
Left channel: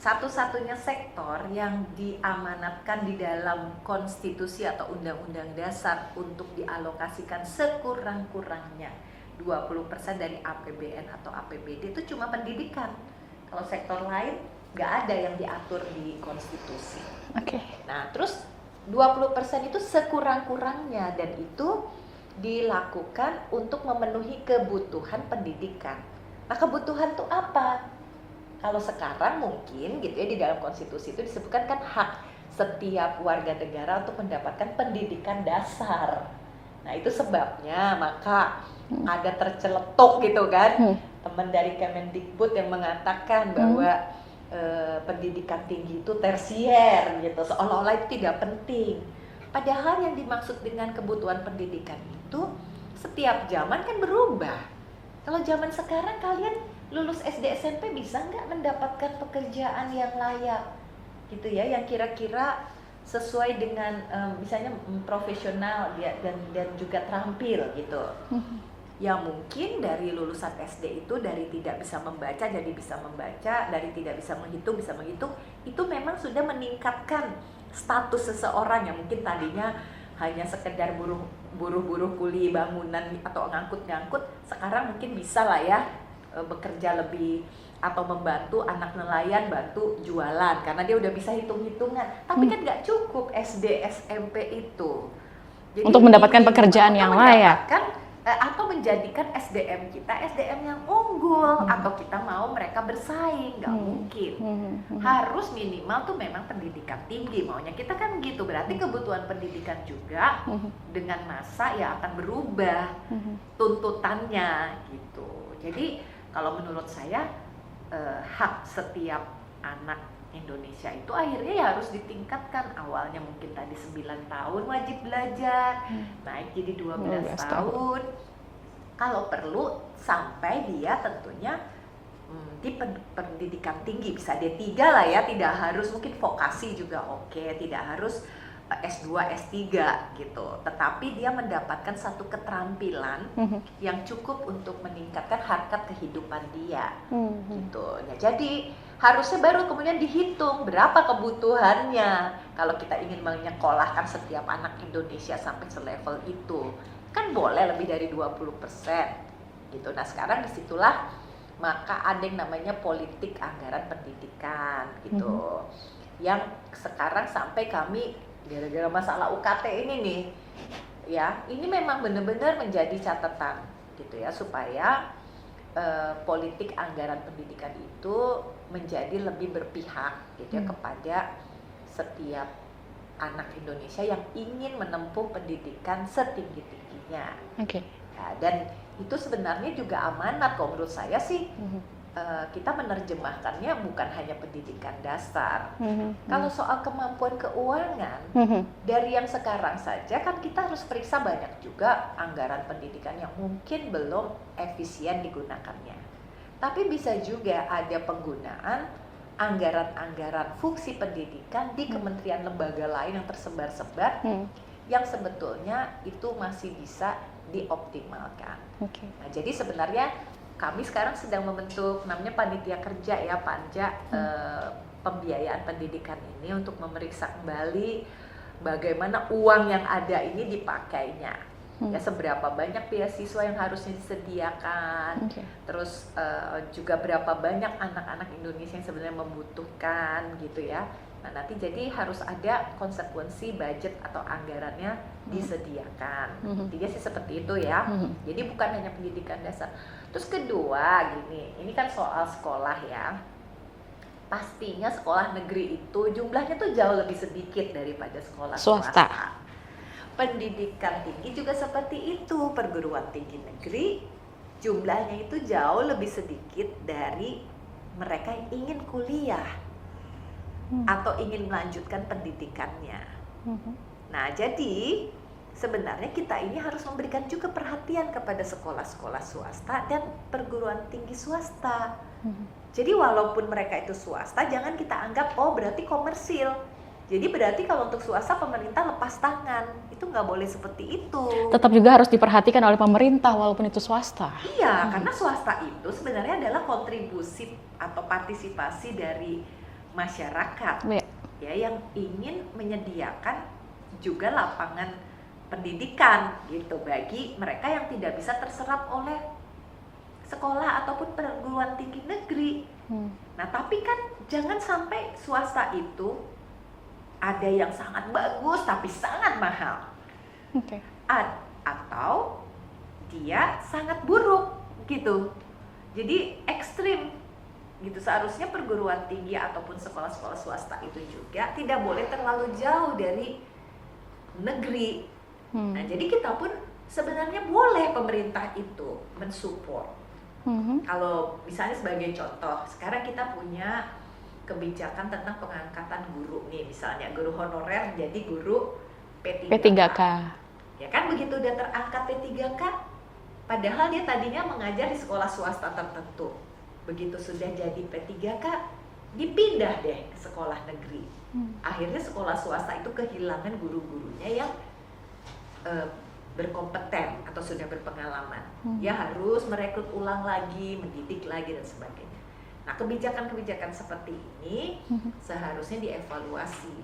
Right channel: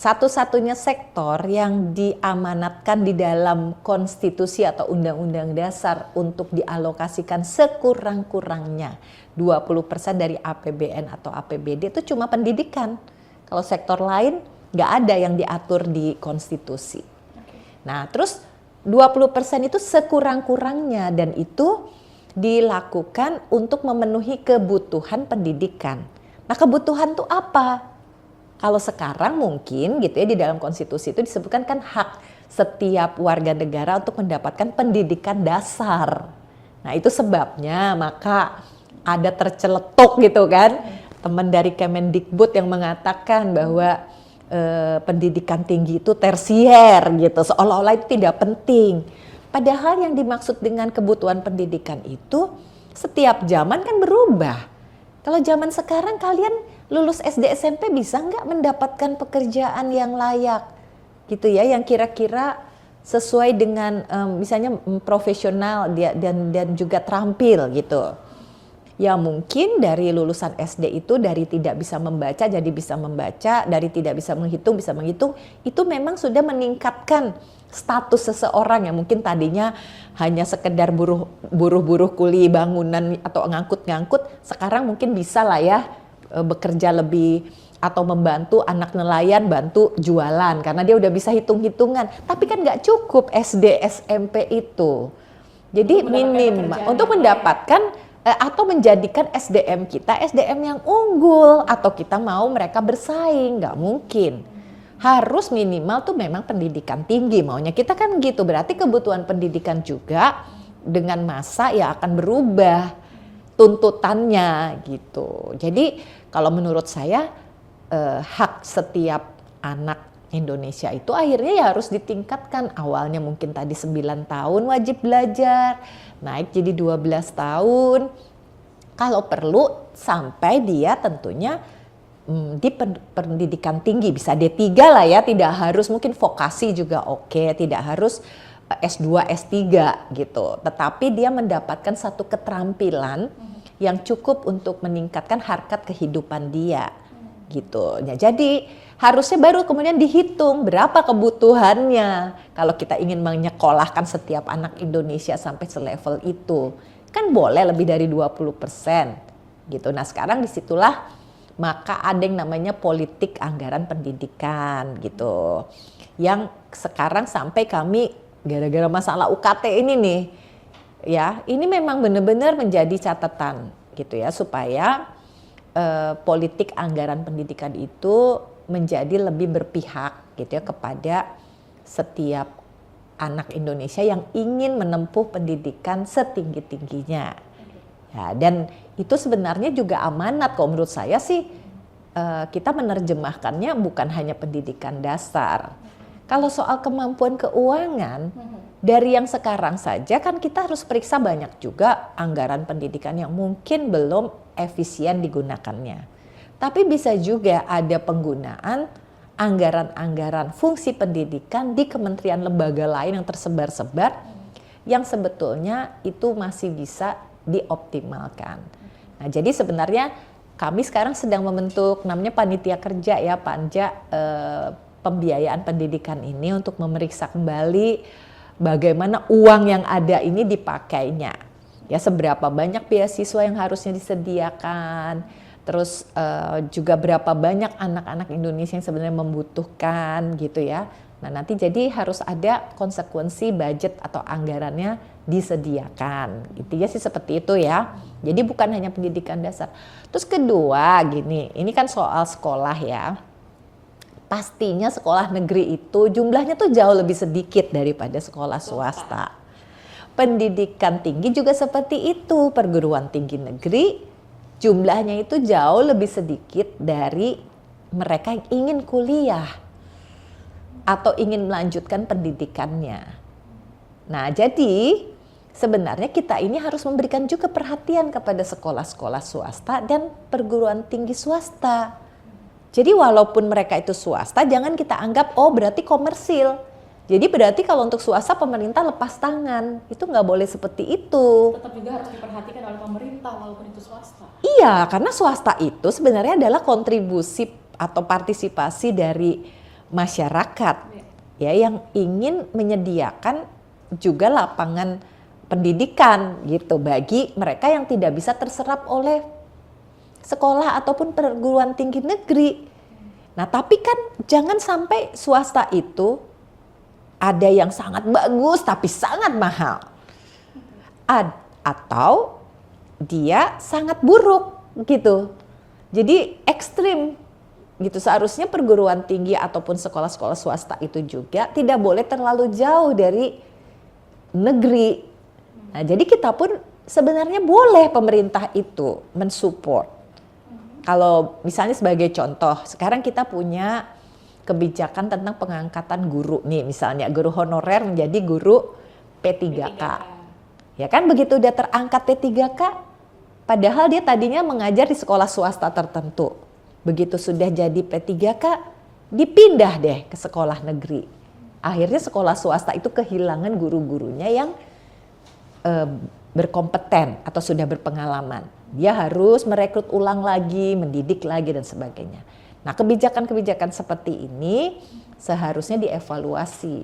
Satu-satunya sektor yang diamanatkan di dalam konstitusi atau undang-undang dasar untuk dialokasikan sekurang-kurangnya 20% dari APBN atau APBD itu cuma pendidikan. Kalau sektor lain nggak ada yang diatur di konstitusi. Nah, terus 20% itu sekurang-kurangnya dan itu dilakukan untuk memenuhi kebutuhan pendidikan. Nah, kebutuhan itu apa? Kalau sekarang mungkin gitu ya di dalam konstitusi itu disebutkan kan hak setiap warga negara untuk mendapatkan pendidikan dasar. Nah, itu sebabnya maka ada terceletuk gitu kan teman dari Kemendikbud yang mengatakan bahwa pendidikan tinggi itu tersier gitu, seolah-olah itu tidak penting. Padahal yang dimaksud dengan kebutuhan pendidikan itu setiap zaman kan berubah. Kalau zaman sekarang kalian lulus SD SMP bisa nggak mendapatkan pekerjaan yang layak gitu ya, yang kira-kira sesuai dengan misalnya profesional dan juga terampil gitu. Ya mungkin dari lulusan SD itu dari tidak bisa membaca jadi bisa membaca, dari tidak bisa menghitung bisa menghitung, itu memang sudah meningkatkan status seseorang yang mungkin tadinya hanya sekedar buruh kuli bangunan atau ngangkut-ngangkut, sekarang mungkin bisa lah ya bekerja lebih atau membantu anak nelayan bantu jualan karena dia udah bisa hitung-hitungan. Tapi kan nggak cukup SD SMP itu. Jadi untuk mendapatkan pekerjaan untuk yang mendapatkan atau menjadikan SDM kita SDM yang unggul atau kita mau mereka bersaing, nggak mungkin. Harus minimal tuh memang pendidikan tinggi maunya kita kan gitu. Berarti kebutuhan pendidikan juga dengan masa ya akan berubah tuntutannya gitu. Jadi kalau menurut saya hak setiap anak Indonesia itu akhirnya ya harus ditingkatkan. Awalnya mungkin tadi 9 tahun wajib belajar, naik jadi 12 tahun. Kalau perlu sampai dia tentunya di pendidikan tinggi, bisa D3 lah ya, tidak harus, mungkin vokasi juga oke, tidak harus S2, S3 gitu. Tetapi dia mendapatkan satu keterampilan yang cukup untuk meningkatkan harkat kehidupan dia gitu. Ya, jadi harusnya baru kemudian dihitung berapa kebutuhannya. Kalau kita ingin menyekolahkan setiap anak Indonesia sampai selevel itu, kan boleh lebih dari 20% gitu. Nah sekarang disitulah maka ada yang namanya politik anggaran pendidikan gitu. Yang sekarang sampai kami gara-gara masalah UKT ini nih, ya ini memang benar-benar menjadi catatan gitu ya, supaya politik anggaran pendidikan itu menjadi lebih berpihak gitu ya kepada setiap anak Indonesia yang ingin menempuh pendidikan setinggi-tingginya. Nah, dan itu sebenarnya juga amanat kalau menurut saya sih. Kita menerjemahkannya bukan hanya pendidikan dasar. Kalau soal kemampuan keuangan, dari yang sekarang saja kan kita harus periksa banyak juga anggaran pendidikan yang mungkin belum efisien digunakannya. Tapi bisa juga ada penggunaan anggaran-anggaran fungsi pendidikan di kementerian lembaga lain yang tersebar-sebar, yang sebetulnya itu masih bisa dioptimalkan. Nah, jadi sebenarnya kami sekarang sedang membentuk namanya panitia kerja ya, Panja pembiayaan pendidikan ini, untuk memeriksa kembali bagaimana uang yang ada ini dipakainya. Ya, seberapa banyak beasiswa yang harusnya disediakan. Terus juga berapa banyak anak-anak Indonesia yang sebenarnya membutuhkan gitu ya. Nah, nanti jadi harus ada konsekuensi budget atau anggarannya disediakan. Intinya sih seperti itu ya. Jadi bukan hanya pendidikan dasar. Terus kedua gini, ini kan soal sekolah ya. Pastinya sekolah negeri itu jumlahnya tuh jauh lebih sedikit daripada sekolah swasta. Pendidikan tinggi juga seperti itu. Perguruan tinggi negeri jumlahnya itu jauh lebih sedikit dari mereka yang ingin kuliah atau ingin melanjutkan pendidikannya. Nah, jadi sebenarnya kita ini harus memberikan juga perhatian kepada sekolah-sekolah swasta dan perguruan tinggi swasta. Jadi walaupun mereka itu swasta, jangan kita anggap oh berarti komersil. Jadi berarti kalau untuk swasta pemerintah lepas tangan, itu nggak boleh seperti itu. Tetap juga harus diperhatikan oleh pemerintah walaupun itu swasta. Iya, karena swasta itu sebenarnya adalah kontribusi atau partisipasi dari masyarakat ya, yang ingin menyediakan juga lapangan pendidikan gitu bagi mereka yang tidak bisa terserap oleh sekolah ataupun perguruan tinggi negeri. Nah, tapi kan jangan sampai swasta itu ada yang sangat bagus tapi sangat mahal. Atau dia sangat buruk gitu. Jadi ekstrim gitu. Seharusnya perguruan tinggi ataupun sekolah-sekolah swasta itu juga tidak boleh terlalu jauh dari negeri. Nah, jadi kita pun sebenarnya boleh pemerintah itu mensupport. Kalau misalnya sebagai contoh, sekarang kita punya kebijakan tentang pengangkatan guru nih, misalnya guru honorer menjadi guru P3K. Ya kan, begitu udah terangkat P3K, padahal dia tadinya mengajar di sekolah swasta tertentu. Begitu sudah jadi P3K, dipindah deh ke sekolah negeri. Akhirnya sekolah swasta itu kehilangan guru-gurunya yang berkompeten atau sudah berpengalaman. Dia harus merekrut ulang lagi, mendidik lagi dan sebagainya. Nah, kebijakan-kebijakan seperti ini seharusnya dievaluasi.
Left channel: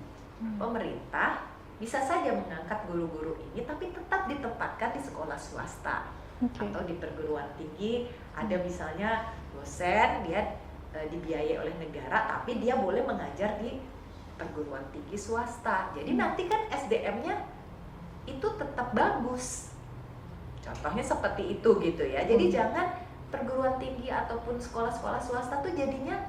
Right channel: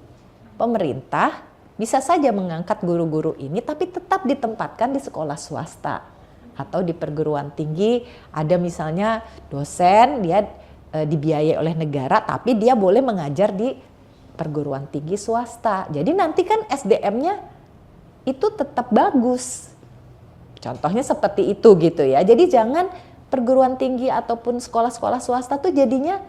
Pemerintah bisa saja mengangkat guru-guru ini tapi tetap ditempatkan di sekolah swasta atau di perguruan tinggi. Ada misalnya dosen dia dibiayai oleh negara tapi dia boleh mengajar di perguruan tinggi swasta. Jadi nanti kan SDM-nya itu tetap bagus. Contohnya seperti itu gitu ya. Jadi jangan perguruan tinggi ataupun sekolah-sekolah swasta tuh jadinya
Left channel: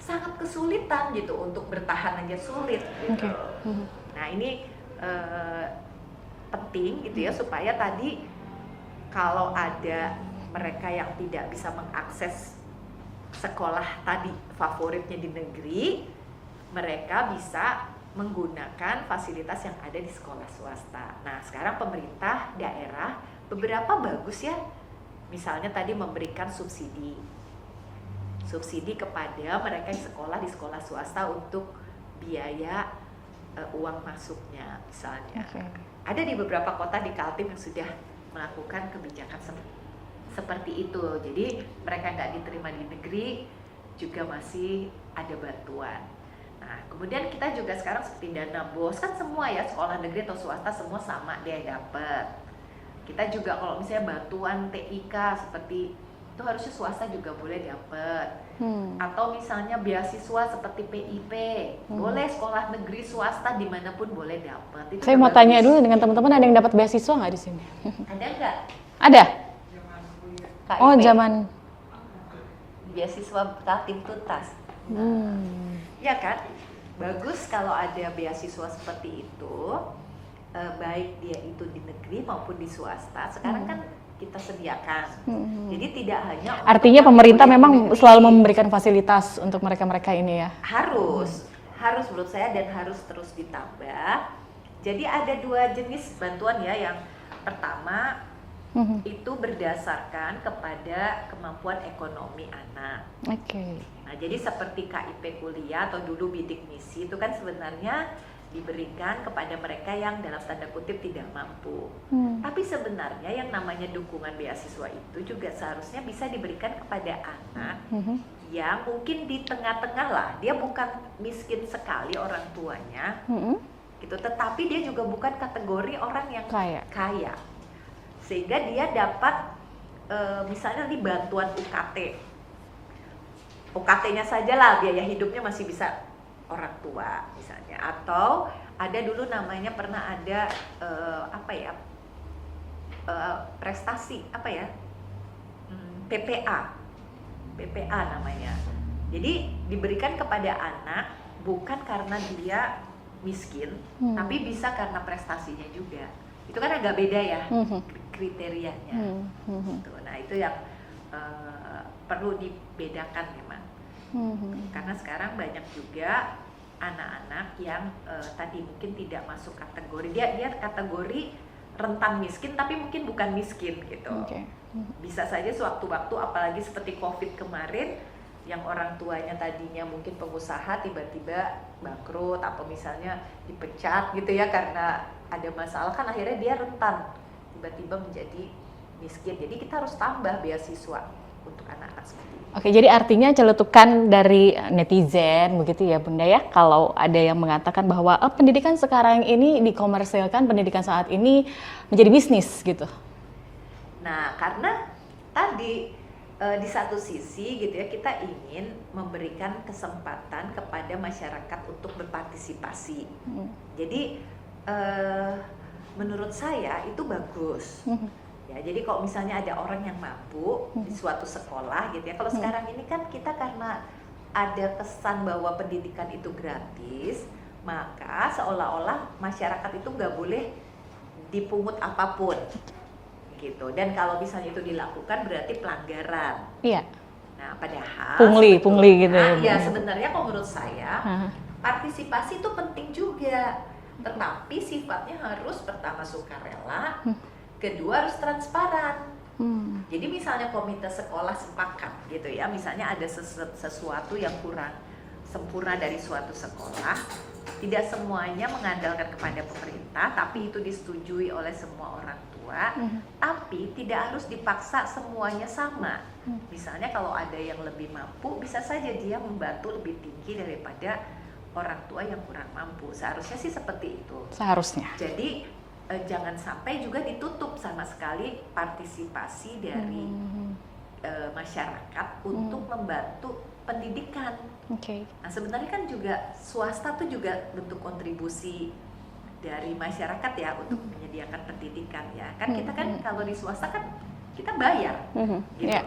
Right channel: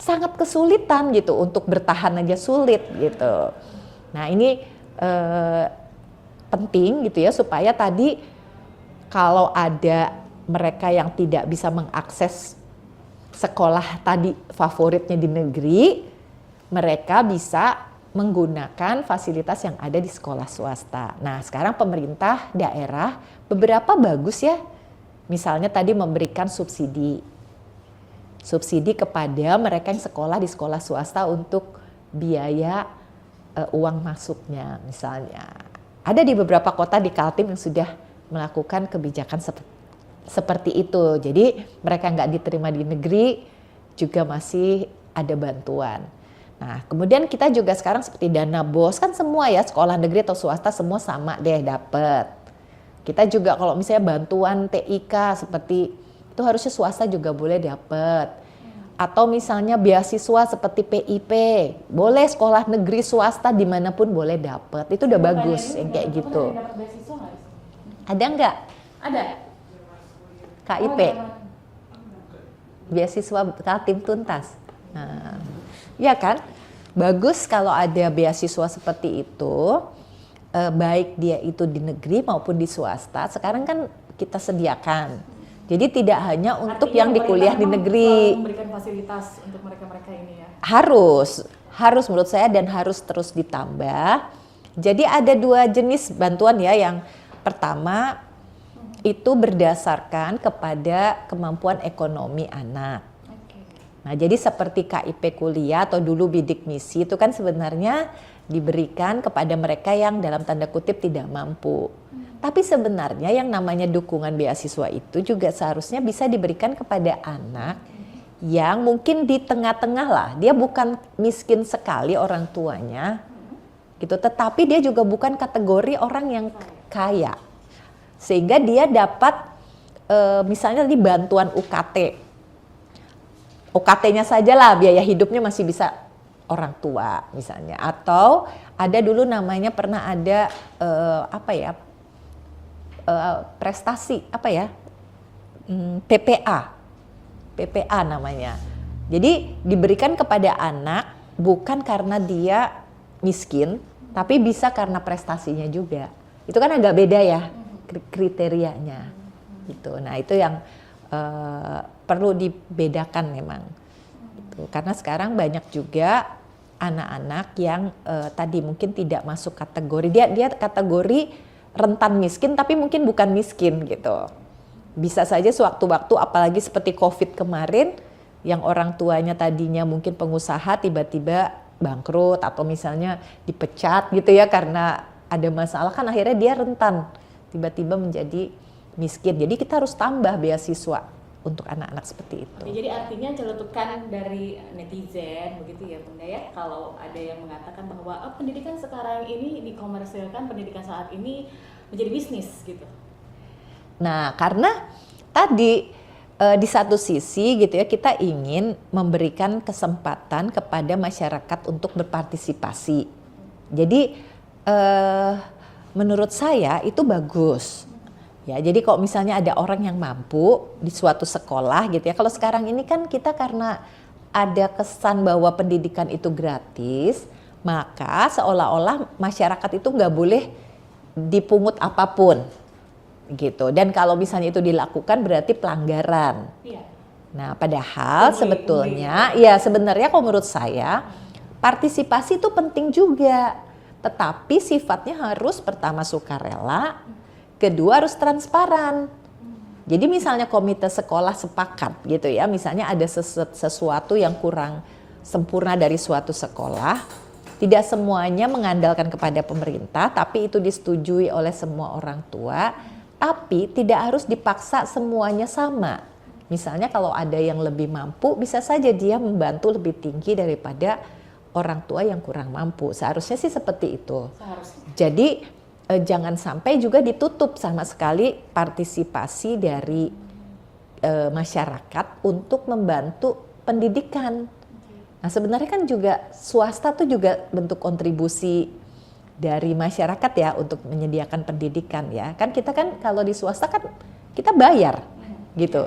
sangat kesulitan gitu, untuk bertahan aja sulit gitu. Nah, ini penting gitu ya, supaya tadi kalau ada mereka yang tidak bisa mengakses sekolah tadi favoritnya di negeri, mereka bisa menggunakan fasilitas yang ada di sekolah swasta. Nah, sekarang pemerintah daerah beberapa bagus ya. Misalnya tadi memberikan subsidi kepada mereka yang sekolah di sekolah swasta untuk biaya uang masuknya misalnya. Ada di beberapa kota di Kaltim yang sudah melakukan kebijakan seperti itu. Jadi mereka nggak diterima di negeri juga masih ada bantuan. Nah, kemudian kita juga sekarang seperti dana BOS kan semua ya, sekolah negeri atau swasta semua sama deh dapat. Kita juga kalau misalnya bantuan TIK seperti itu harusnya swasta juga boleh dapat. Atau misalnya beasiswa seperti PIP, boleh sekolah negeri swasta dimanapun boleh dapat. Itu saya udah mau bagus. tanya dulu dengan teman-teman, gitu. ada yang dapat beasiswa nggak di sini? Ada nggak? Ada. KIP? Oh, zaman Beasiswa Kaltim Tuntas. Nah, ya kan? Bagus kalau ada beasiswa seperti itu, baik dia itu di negeri maupun di swasta. Sekarang kan kita sediakan. Jadi tidak hanya untuk artinya yang pemerintah dikuliah di memang negeri. selalu memberikan fasilitas untuk mereka-mereka ini ya. Harus menurut saya dan harus terus ditambah. Jadi ada 2 jenis bantuan ya. Yang pertama itu berdasarkan kepada kemampuan ekonomi anak. Oke. Nah, jadi seperti KIP kuliah atau dulu bidik misi itu kan sebenarnya diberikan kepada mereka yang dalam tanda kutip tidak mampu. Tapi sebenarnya yang namanya dukungan beasiswa itu juga seharusnya bisa diberikan kepada anak yang mungkin di tengah-tengah lah. Dia bukan miskin sekali orang tuanya, gitu. Tetapi dia juga bukan kategori orang yang kaya. Sehingga dia dapat misalnya di bantuan UKT. UKT-nya saja lah biaya hidupnya masih bisa orang tua misalnya, atau ada dulu namanya pernah ada prestasi PPA namanya. Jadi diberikan kepada anak bukan karena dia miskin, tapi bisa karena prestasinya juga. Itu kan agak beda ya kriterianya. Gitu. Nah itu yang perlu dibedakan memang. Karena sekarang banyak juga anak-anak yang tadi mungkin tidak masuk kategori, dia kategori rentan miskin tapi mungkin bukan miskin gitu. Bisa saja sewaktu-waktu, apalagi seperti COVID kemarin yang orang tuanya tadinya mungkin pengusaha tiba-tiba bangkrut atau misalnya dipecat gitu ya karena ada masalah, kan akhirnya dia rentan tiba-tiba menjadi miskin. Jadi kita harus tambah beasiswa untuk anak-anak seperti itu. Oke, jadi artinya celetukan dari netizen begitu ya Bunda ya, kalau ada yang mengatakan bahwa pendidikan sekarang ini dikomersilkan, pendidikan saat ini menjadi bisnis gitu. Nah, karena tadi di satu sisi gitu ya, kita ingin memberikan kesempatan kepada masyarakat untuk berpartisipasi. Jadi menurut saya itu bagus. Ya, jadi kalau misalnya ada orang yang mampu di suatu sekolah gitu ya, kalau sekarang ini kan kita karena ada kesan bahwa pendidikan itu gratis, maka seolah-olah masyarakat itu nggak boleh dipungut apapun gitu. Dan kalau misalnya itu dilakukan berarti pelanggaran. Iya. Nah, padahal pungli sebetulnya, gitu. ya sebenarnya kalau menurut saya partisipasi itu penting juga, tetapi sifatnya harus pertama sukarela. Kedua harus transparan. Jadi misalnya komite sekolah sepakat gitu ya, misalnya ada sesuatu yang kurang sempurna dari suatu sekolah, tidak semuanya mengandalkan kepada pemerintah, tapi itu disetujui oleh semua orang tua, tapi tidak harus dipaksa semuanya sama. Misalnya kalau ada yang lebih mampu, bisa saja dia membantu lebih tinggi daripada orang tua yang kurang mampu. Seharusnya sih seperti itu. Seharusnya. Jadi jangan sampai juga ditutup sama sekali partisipasi dari masyarakat untuk membantu pendidikan. Nah sebenarnya kan juga swasta tuh juga bentuk kontribusi dari masyarakat ya untuk menyediakan pendidikan ya. Kan kita kan kalau di swasta kan kita bayar gitu.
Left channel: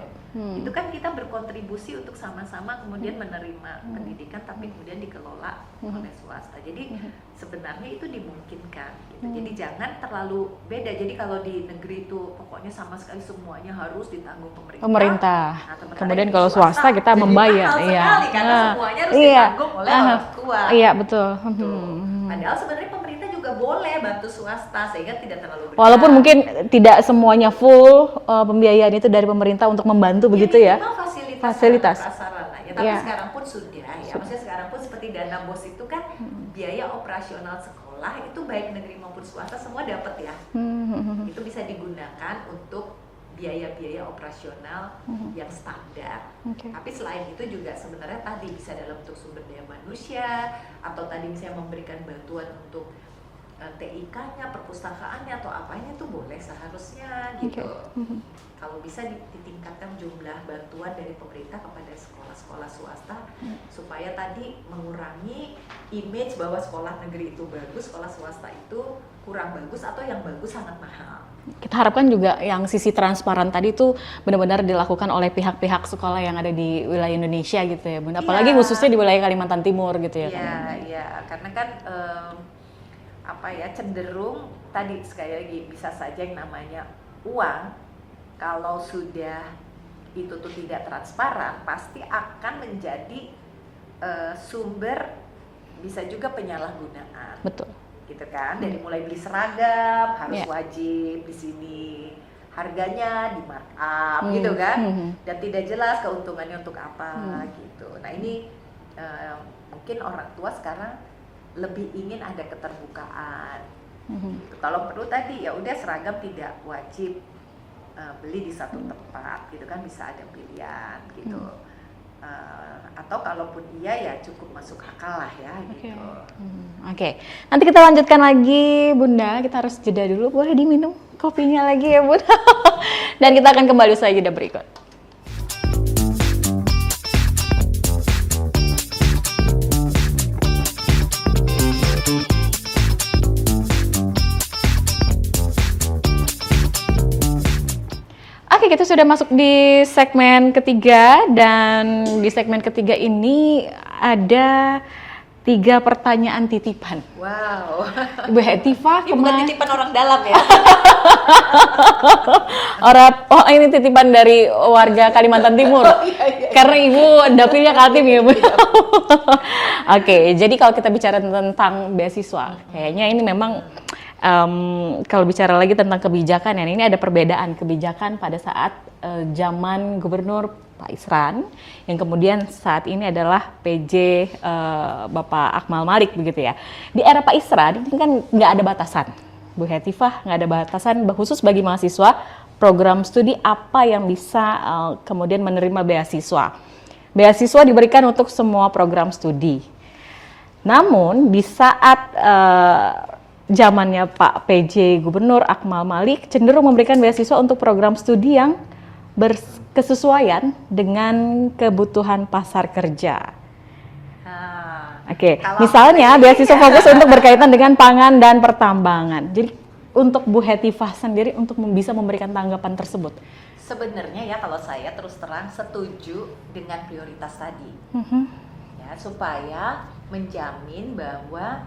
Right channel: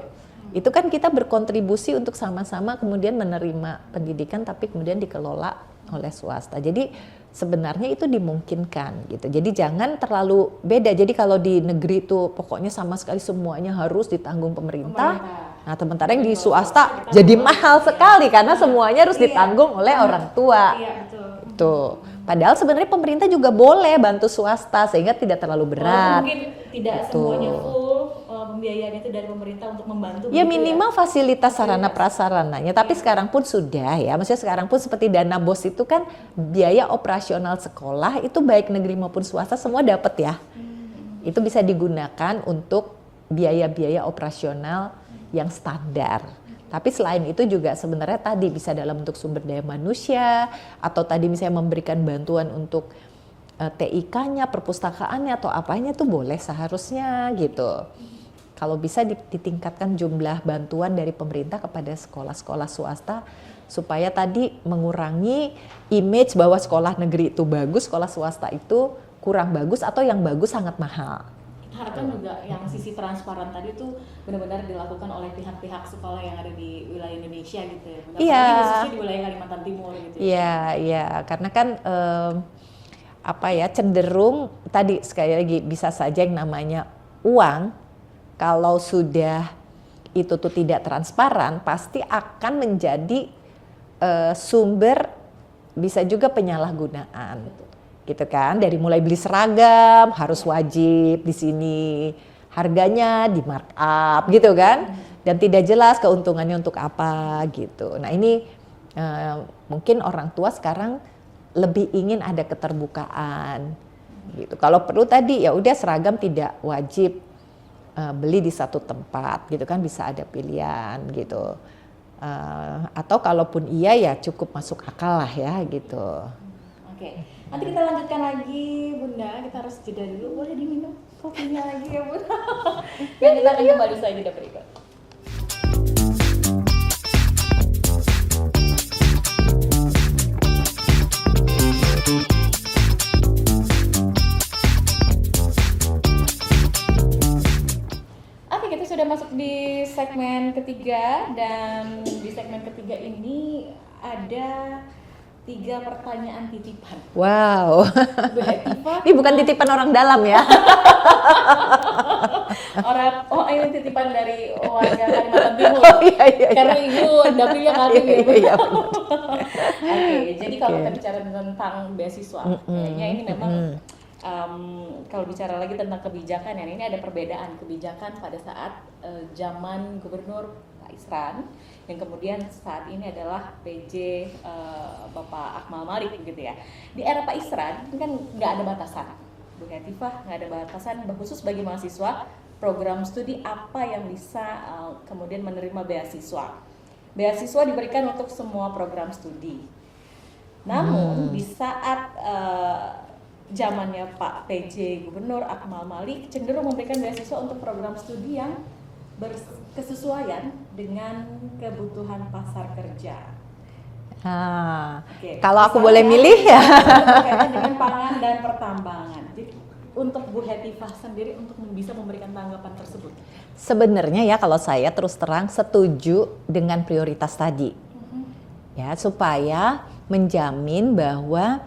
Itu kan kita berkontribusi untuk sama-sama kemudian menerima pendidikan tapi kemudian dikelola oleh swasta. Jadi sebenarnya itu dimungkinkan gitu. Jadi jangan terlalu beda. Jadi kalau di negeri itu pokoknya sama sekali semuanya harus ditanggung pemerintah. Nah, sementara Kemudian di kalau swasta kita jadi membayar, mahal sekali karena semuanya harus ditanggung oleh orang tua. Iya, betul. Tuh. Padahal sebenarnya pemerintah juga boleh bantu swasta sehingga tidak terlalu berat. Walaupun mungkin tidak semuanya full pembiayaan itu dari pemerintah untuk membantu begitu ya. Minimal fasilitas sarana prasarananya. Tapi sekarang pun sudah ya. Maksudnya sekarang pun seperti dana BOS itu kan biaya operasional sekolah itu baik negeri maupun swasta semua dapat ya. Itu bisa digunakan untuk biaya-biaya operasional yang standar. Tapi selain itu juga sebenarnya tadi bisa dalam bentuk sumber daya manusia atau tadi misalnya memberikan bantuan untuk TIK-nya, perpustakaannya atau apanya itu boleh seharusnya gitu. Kalau bisa ditingkatkan jumlah bantuan dari pemerintah kepada sekolah-sekolah swasta supaya tadi mengurangi image bahwa sekolah negeri itu bagus, sekolah swasta itu kurang bagus atau yang bagus sangat mahal. Kita harapkan juga yang sisi transparan tadi itu benar-benar dilakukan oleh pihak-pihak sekolah yang ada di wilayah Indonesia gitu ya, Bunda. Apalagi khususnya di wilayah Kalimantan Timur gitu ya. Iya, karena kan cenderung tadi sekali lagi bisa saja yang namanya uang kalau sudah itu tuh tidak transparan pasti akan menjadi sumber bisa juga penyalahgunaan. Betul. Gitu kan, dari mulai beli seragam harus wajib di sini, harganya di markup gitu kan, dan tidak jelas keuntungannya untuk apa gitu. Nah ini mungkin orang tua sekarang lebih ingin ada keterbukaan gitu. Kalau perlu tadi ya udah seragam tidak wajib beli di satu tempat gitu kan, bisa ada pilihan gitu. Atau kalaupun iya ya cukup masuk akal lah ya gitu. Oke, nanti kita lanjutkan lagi Bunda, kita harus jeda dulu, boleh diminum kopinya lagi ya Bunda. Dan kita akan kembali usai jeda berikut. Oke, kita sudah masuk di segmen ketiga dan di segmen ketiga ini ada 3 pertanyaan titipan. Wow. Bu Hetifah, ini bukan titipan orang dalam ya. Ini titipan dari warga Kalimantan Timur. Iya. Karena Ibu dapilnya Kaltim ya Bu. Oke, jadi kalau kita bicara tentang beasiswa, kayaknya ini memang kalau bicara lagi tentang kebijakan ya, ini ada perbedaan kebijakan pada saat zaman Gubernur Pak Isran, yang kemudian saat ini adalah PJ Bapak Akmal Malik begitu ya. Di era Pak Isran ini kan nggak ada batasan, Bu Hetifah, nggak ada batasan khusus bagi mahasiswa program studi apa yang bisa kemudian menerima beasiswa. Beasiswa diberikan untuk semua program studi. Namun di saat zamannya Pak PJ Gubernur Akmal Malik cenderung memberikan beasiswa untuk program studi yang berkesesuaian dengan kebutuhan pasar kerja. Oke. Misalnya beasiswa fokus untuk berkaitan dengan pangan dan pertambangan. Jadi untuk Bu Hetifah sendiri untuk bisa memberikan tanggapan tersebut. Sebenarnya ya kalau saya terus terang setuju dengan prioritas tadi. Ya, supaya menjamin bahwa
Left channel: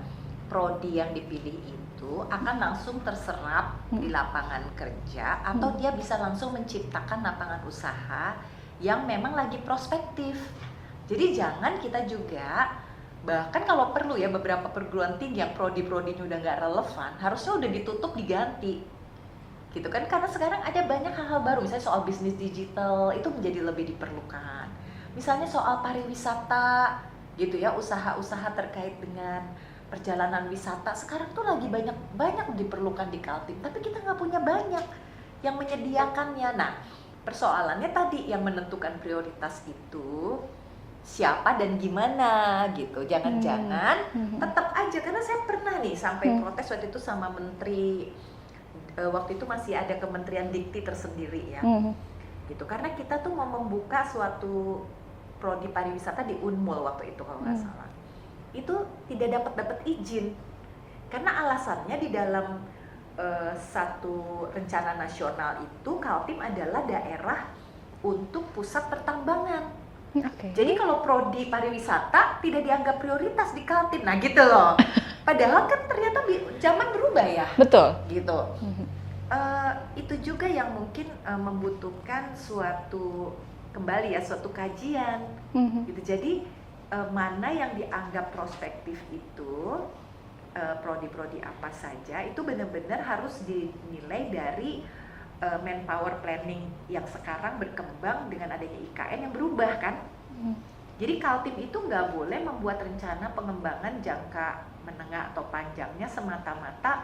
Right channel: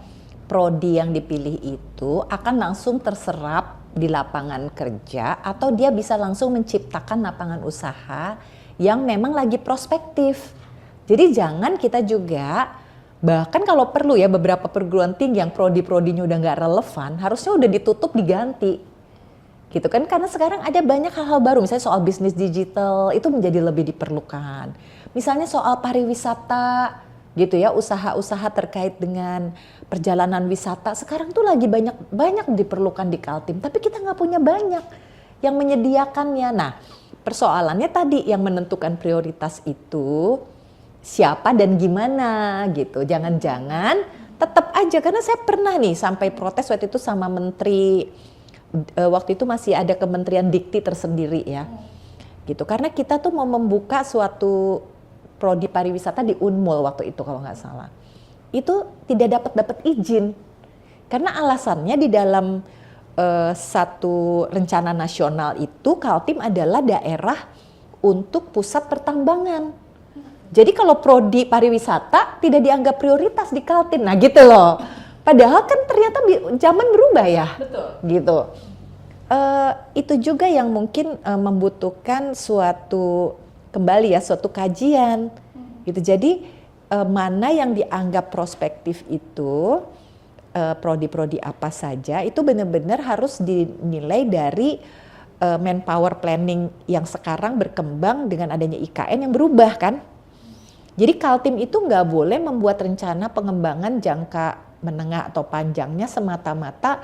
prodi yang dipilih itu akan langsung terserap di lapangan kerja atau dia bisa langsung menciptakan lapangan usaha yang memang lagi prospektif. Jadi jangan kita juga, bahkan kalau perlu ya beberapa perguruan tinggi yang prodi-prodinya udah nggak relevan, harusnya udah ditutup diganti. Gitu kan, karena sekarang ada banyak hal-hal baru, misalnya soal bisnis digital itu menjadi lebih diperlukan. Misalnya soal pariwisata gitu ya, usaha-usaha terkait dengan perjalanan wisata sekarang tuh lagi banyak diperlukan di Kaltim, tapi kita nggak punya banyak yang menyediakannya. Nah, persoalannya tadi yang menentukan prioritas itu siapa dan gimana gitu. Jangan-jangan tetap aja, karena saya pernah nih sampai protes waktu itu sama menteri, waktu itu masih ada Kementerian Dikti tersendiri ya, gitu. Karena kita tuh mau membuka suatu prodi pariwisata di Unmul waktu itu kalau nggak salah. Itu tidak dapat izin karena alasannya di dalam satu rencana nasional itu Kaltim adalah daerah untuk pusat pertambangan. Oke. Jadi kalau prodi pariwisata tidak dianggap prioritas di Kaltim, nah gitu loh. Padahal kan ternyata zaman berubah ya, Betul. gitu. Itu juga yang mungkin membutuhkan suatu kajian, gitu. Jadi mana yang dianggap prospektif itu, prodi-prodi apa saja, itu benar-benar harus dinilai dari manpower planning yang sekarang berkembang dengan adanya IKN yang berubah kan. Jadi Kaltim itu nggak boleh membuat rencana pengembangan jangka menengah atau panjangnya semata-mata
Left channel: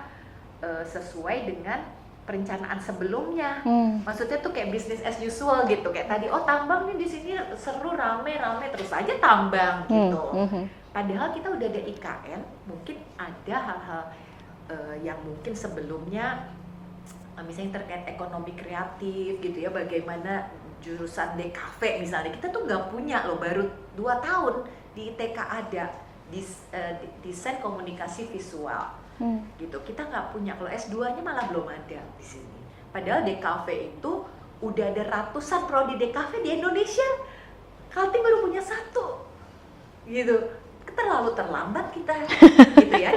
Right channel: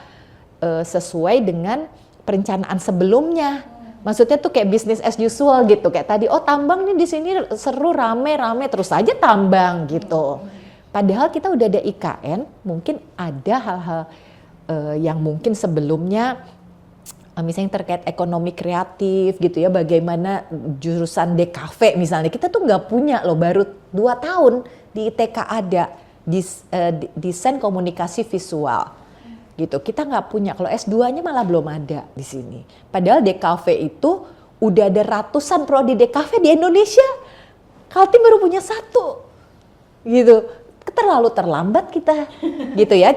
sesuai dengan perencanaan sebelumnya. Maksudnya tuh kayak business as usual gitu. Kayak tadi, oh tambang nih di sini seru, rame-rame, terus aja tambang gitu. Padahal kita udah ada IKN, mungkin ada hal-hal yang mungkin sebelumnya misalnya terkait ekonomi kreatif gitu ya, bagaimana jurusan DKV misalnya, kita tuh nggak punya loh, baru 2 tahun di ITK ada desain komunikasi visual gitu, kita nggak punya. Kalau S2-nya malah belum ada di sini. Padahal DKV itu udah ada ratusan prodi DKV di Indonesia, Kaltim baru punya 1 gitu. Terlalu terlambat kita gitu ya.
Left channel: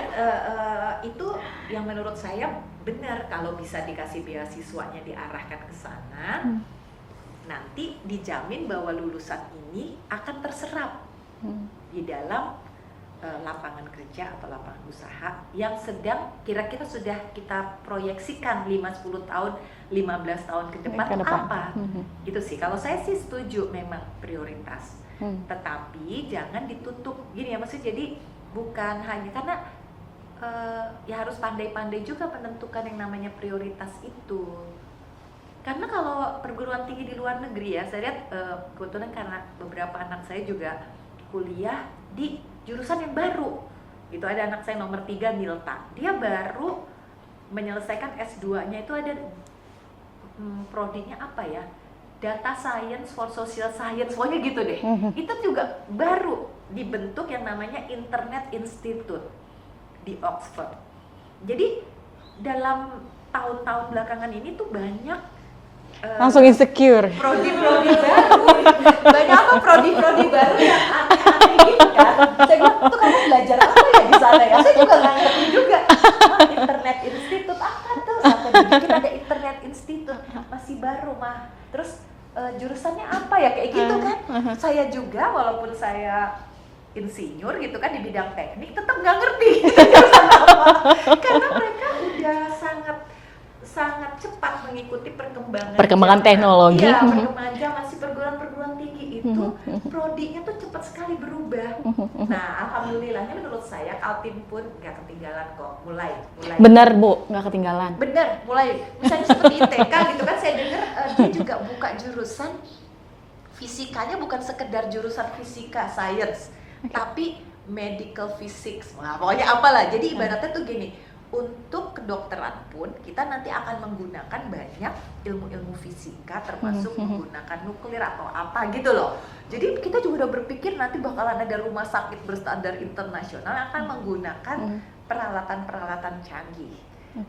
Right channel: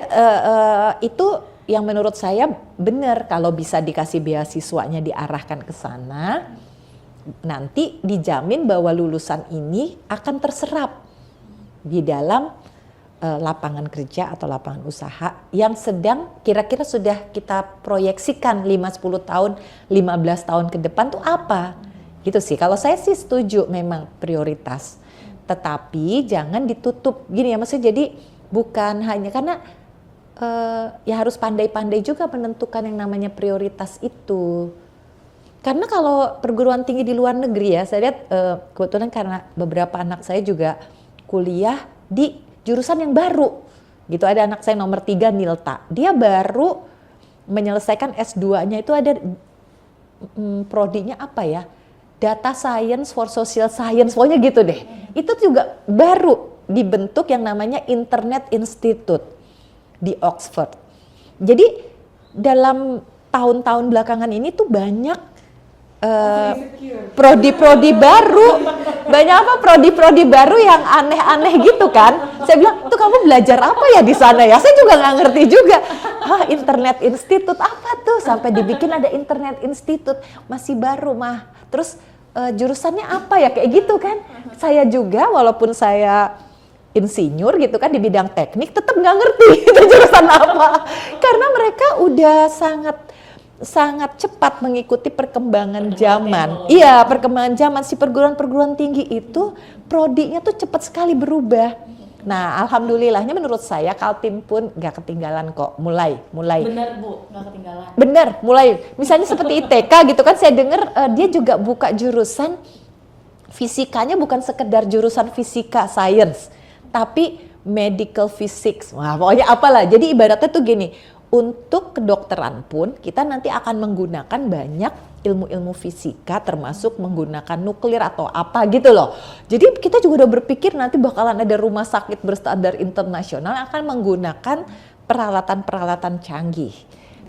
Itu yang menurut saya benar, kalau bisa dikasih beasiswanya diarahkan ke sana, nanti dijamin bahwa lulusan ini akan terserap di dalam lapangan kerja atau lapangan usaha yang sedang kira-kira sudah kita proyeksikan 5-10 tahun, 15 tahun ke depan tuh apa. Gitu sih. Kalau saya sih setuju memang prioritas. Tetapi jangan ditutup gini ya, maksudnya jadi bukan hanya karena ya harus pandai-pandai juga menentukan yang namanya prioritas itu. Karena kalau perguruan tinggi di luar negeri ya, saya lihat kebetulan karena beberapa anak saya juga kuliah di jurusan yang baru gitu. Ada anak saya nomor 3 Nilta, dia baru menyelesaikan S2-nya, itu ada prodinya apa ya, Data Science for Social Science, pokoknya gitu deh. Itu juga baru dibentuk yang namanya Internet Institute di Oxford. Jadi dalam tahun-tahun belakangan ini tuh banyak Langsung insecure. prodi-prodi baru, banyak apa prodi-prodi baru yang aneh-aneh gitu kan. Saya bilang, tuh kamu belajar apa ya di sana ya? Saya juga nggak ngerti juga. Wah, Internet Institute apa tuh? Sampai dibikin ada Internet Institute, masih baru mah. Terus jurusannya apa ya, kayak gitu kan. Saya juga walaupun saya insinyur gitu kan di bidang teknik, tetap nggak ngerti itu jurusan apa. Karena mereka udah sangat cepat mengikuti perkembangan zaman. teknologi. Iya, perkembangan zaman. Si perguruan tinggi itu prodinya tuh cepat sekali berubah. Nah, alhamdulillahnya menurut saya Kaltim pun nggak ketinggalan kok. Mulai. Benar Bu, nggak ketinggalan. Bener, mulai. Misalnya seperti ITK gitu kan, saya dengar dia juga buka jurusan fisikanya, bukan sekedar jurusan fisika science, tapi medical physics. Wah, pokoknya apalah. Jadi ibaratnya tuh gini, untuk kedokteran pun kita nanti akan menggunakan banyak ilmu-ilmu fisika, termasuk menggunakan nuklir atau apa gitu loh. Jadi kita juga udah berpikir nanti bakalan ada rumah sakit berstandar internasional akan menggunakan peralatan-peralatan canggih.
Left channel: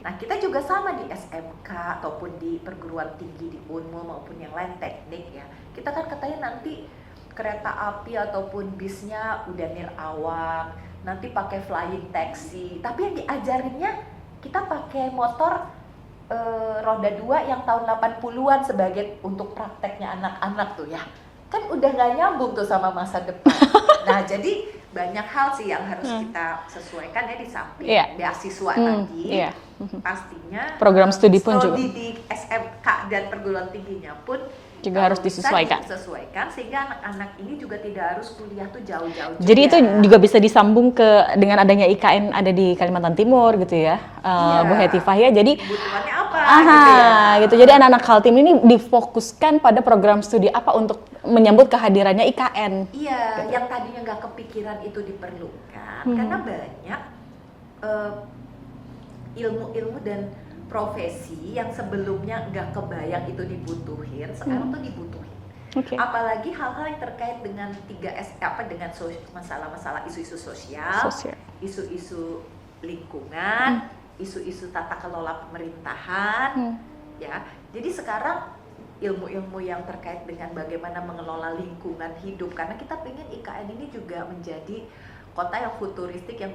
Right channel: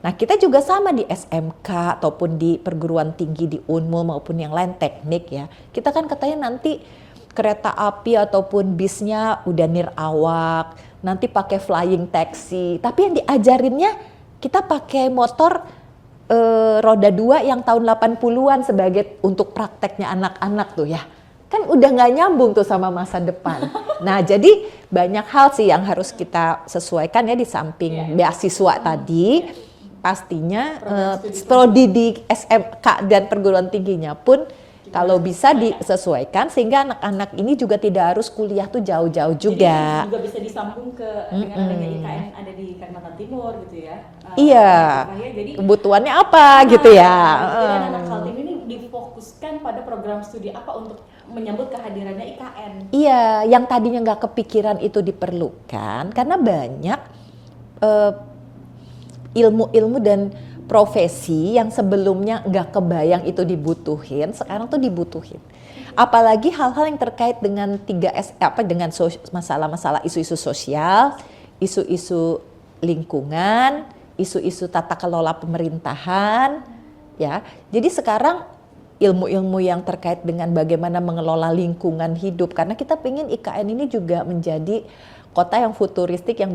Nah, kita juga sama di SMK ataupun di perguruan tinggi di Unmul maupun yang lain teknik ya. Kita kan katanya nanti kereta api ataupun bisnya udah nirawak, nanti pakai flying taxi, tapi yang diajarinnya kita pakai motor roda 2 yang tahun 80-an sebagai untuk prakteknya anak-anak tuh ya. Kan udah nggak nyambung tuh sama masa depan. Nah, jadi banyak hal sih yang harus kita sesuaikan ya, di samping beasiswa tadi. Pastinya program studi di SMK dan perguruan tingginya pun juga kalau bisa disesuaikan sehingga anak-anak ini juga tidak harus kuliah tuh jauh-jauh juga. Jadi itu juga bisa disambung ke dengan adanya IKN ada di Kalimantan Timur gitu ya. Iya. Bu Hetifah ya. Jadi kebutuhannya apa gitu ya. Gitu. Jadi anak-anak Kaltim ini difokuskan pada program studi apa untuk menyambut kehadirannya IKN. Iya, yang tadinya nggak kepikiran itu diperlukan karena banyak ilmu-ilmu dan profesi yang sebelumnya nggak kebayang itu dibutuhin, sekarang tuh dibutuhin. Okay. Apalagi hal-hal yang terkait dengan 3S, dengan masalah-masalah isu-isu sosial, isu-isu lingkungan, isu-isu tata kelola pemerintahan, ya. Jadi sekarang ilmu-ilmu yang terkait dengan bagaimana mengelola lingkungan hidup, karena kita pengen IKN ini juga menjadi kota yang futuristik yang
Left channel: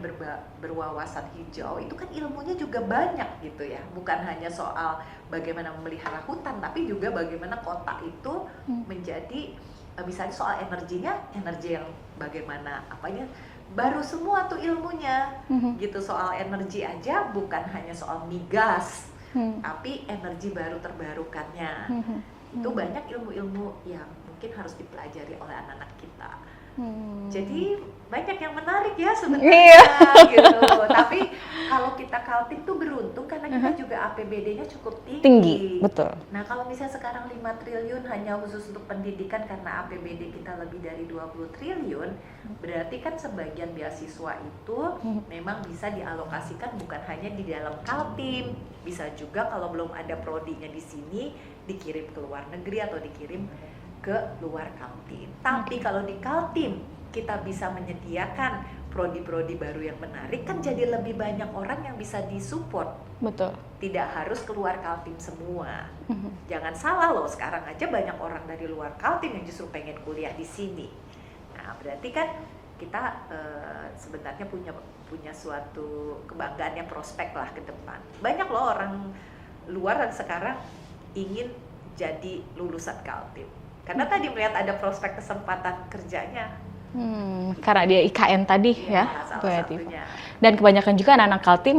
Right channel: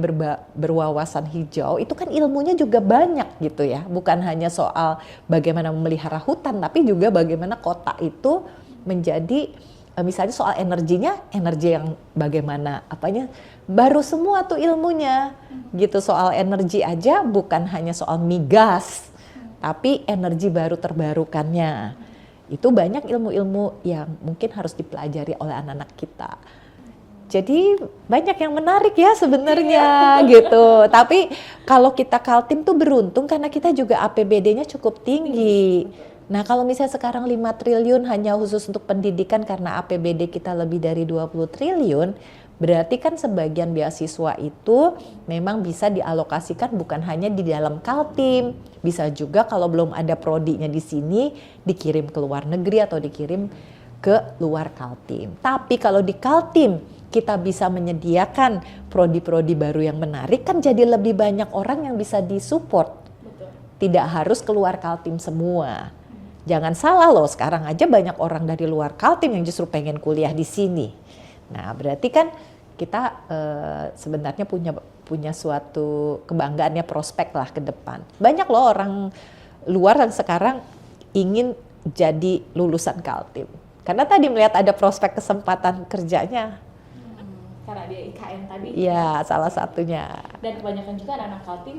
berwawasan hijau. Itu kan ilmunya juga banyak gitu ya, bukan hanya soal bagaimana memelihara hutan, tapi juga bagaimana kota itu menjadi misalnya soal energinya, energi yang bagaimana apanya, baru semua tuh ilmunya gitu. Soal energi aja bukan hanya soal migas, tapi energi baru terbarukannya. Itu banyak ilmu-ilmu yang mungkin harus dipelajari oleh anak-anak kita. Jadi banyak yang menarik ya sebenarnya gitu. Tapi kalau kita Kaltim tuh beruntung karena kita juga APBD-nya cukup tinggi. Betul. Nah kalau misalnya sekarang 5 triliun hanya khusus untuk pendidikan karena APBD kita lebih dari 20 triliun, berarti kan sebagian beasiswa itu memang bisa dialokasikan bukan hanya di dalam Kaltim, bisa juga kalau belum ada prodinya di sini dikirim ke luar negeri atau dikirim ke luar Kaltim. Tapi kalau di Kaltim kita bisa menyediakan prodi-prodi baru yang menarik, kan jadi lebih banyak orang yang bisa disupport. Betul. Tidak harus keluar Kaltim semua. Jangan salah loh, sekarang aja banyak orang dari luar Kaltim yang justru pengen kuliah di sini. Nah, berarti kan kita sebenarnya punya suatu kebanggaan ya, prospek lah ke depan. Banyak loh orang luar yang sekarang ingin jadi lulusan Kaltim. Karena tadi melihat ada prospek kesempatan kerjanya. Karena dia IKN tadi ya, salah kreatif. satunya. Dan kebanyakan juga anak-anak Kaltim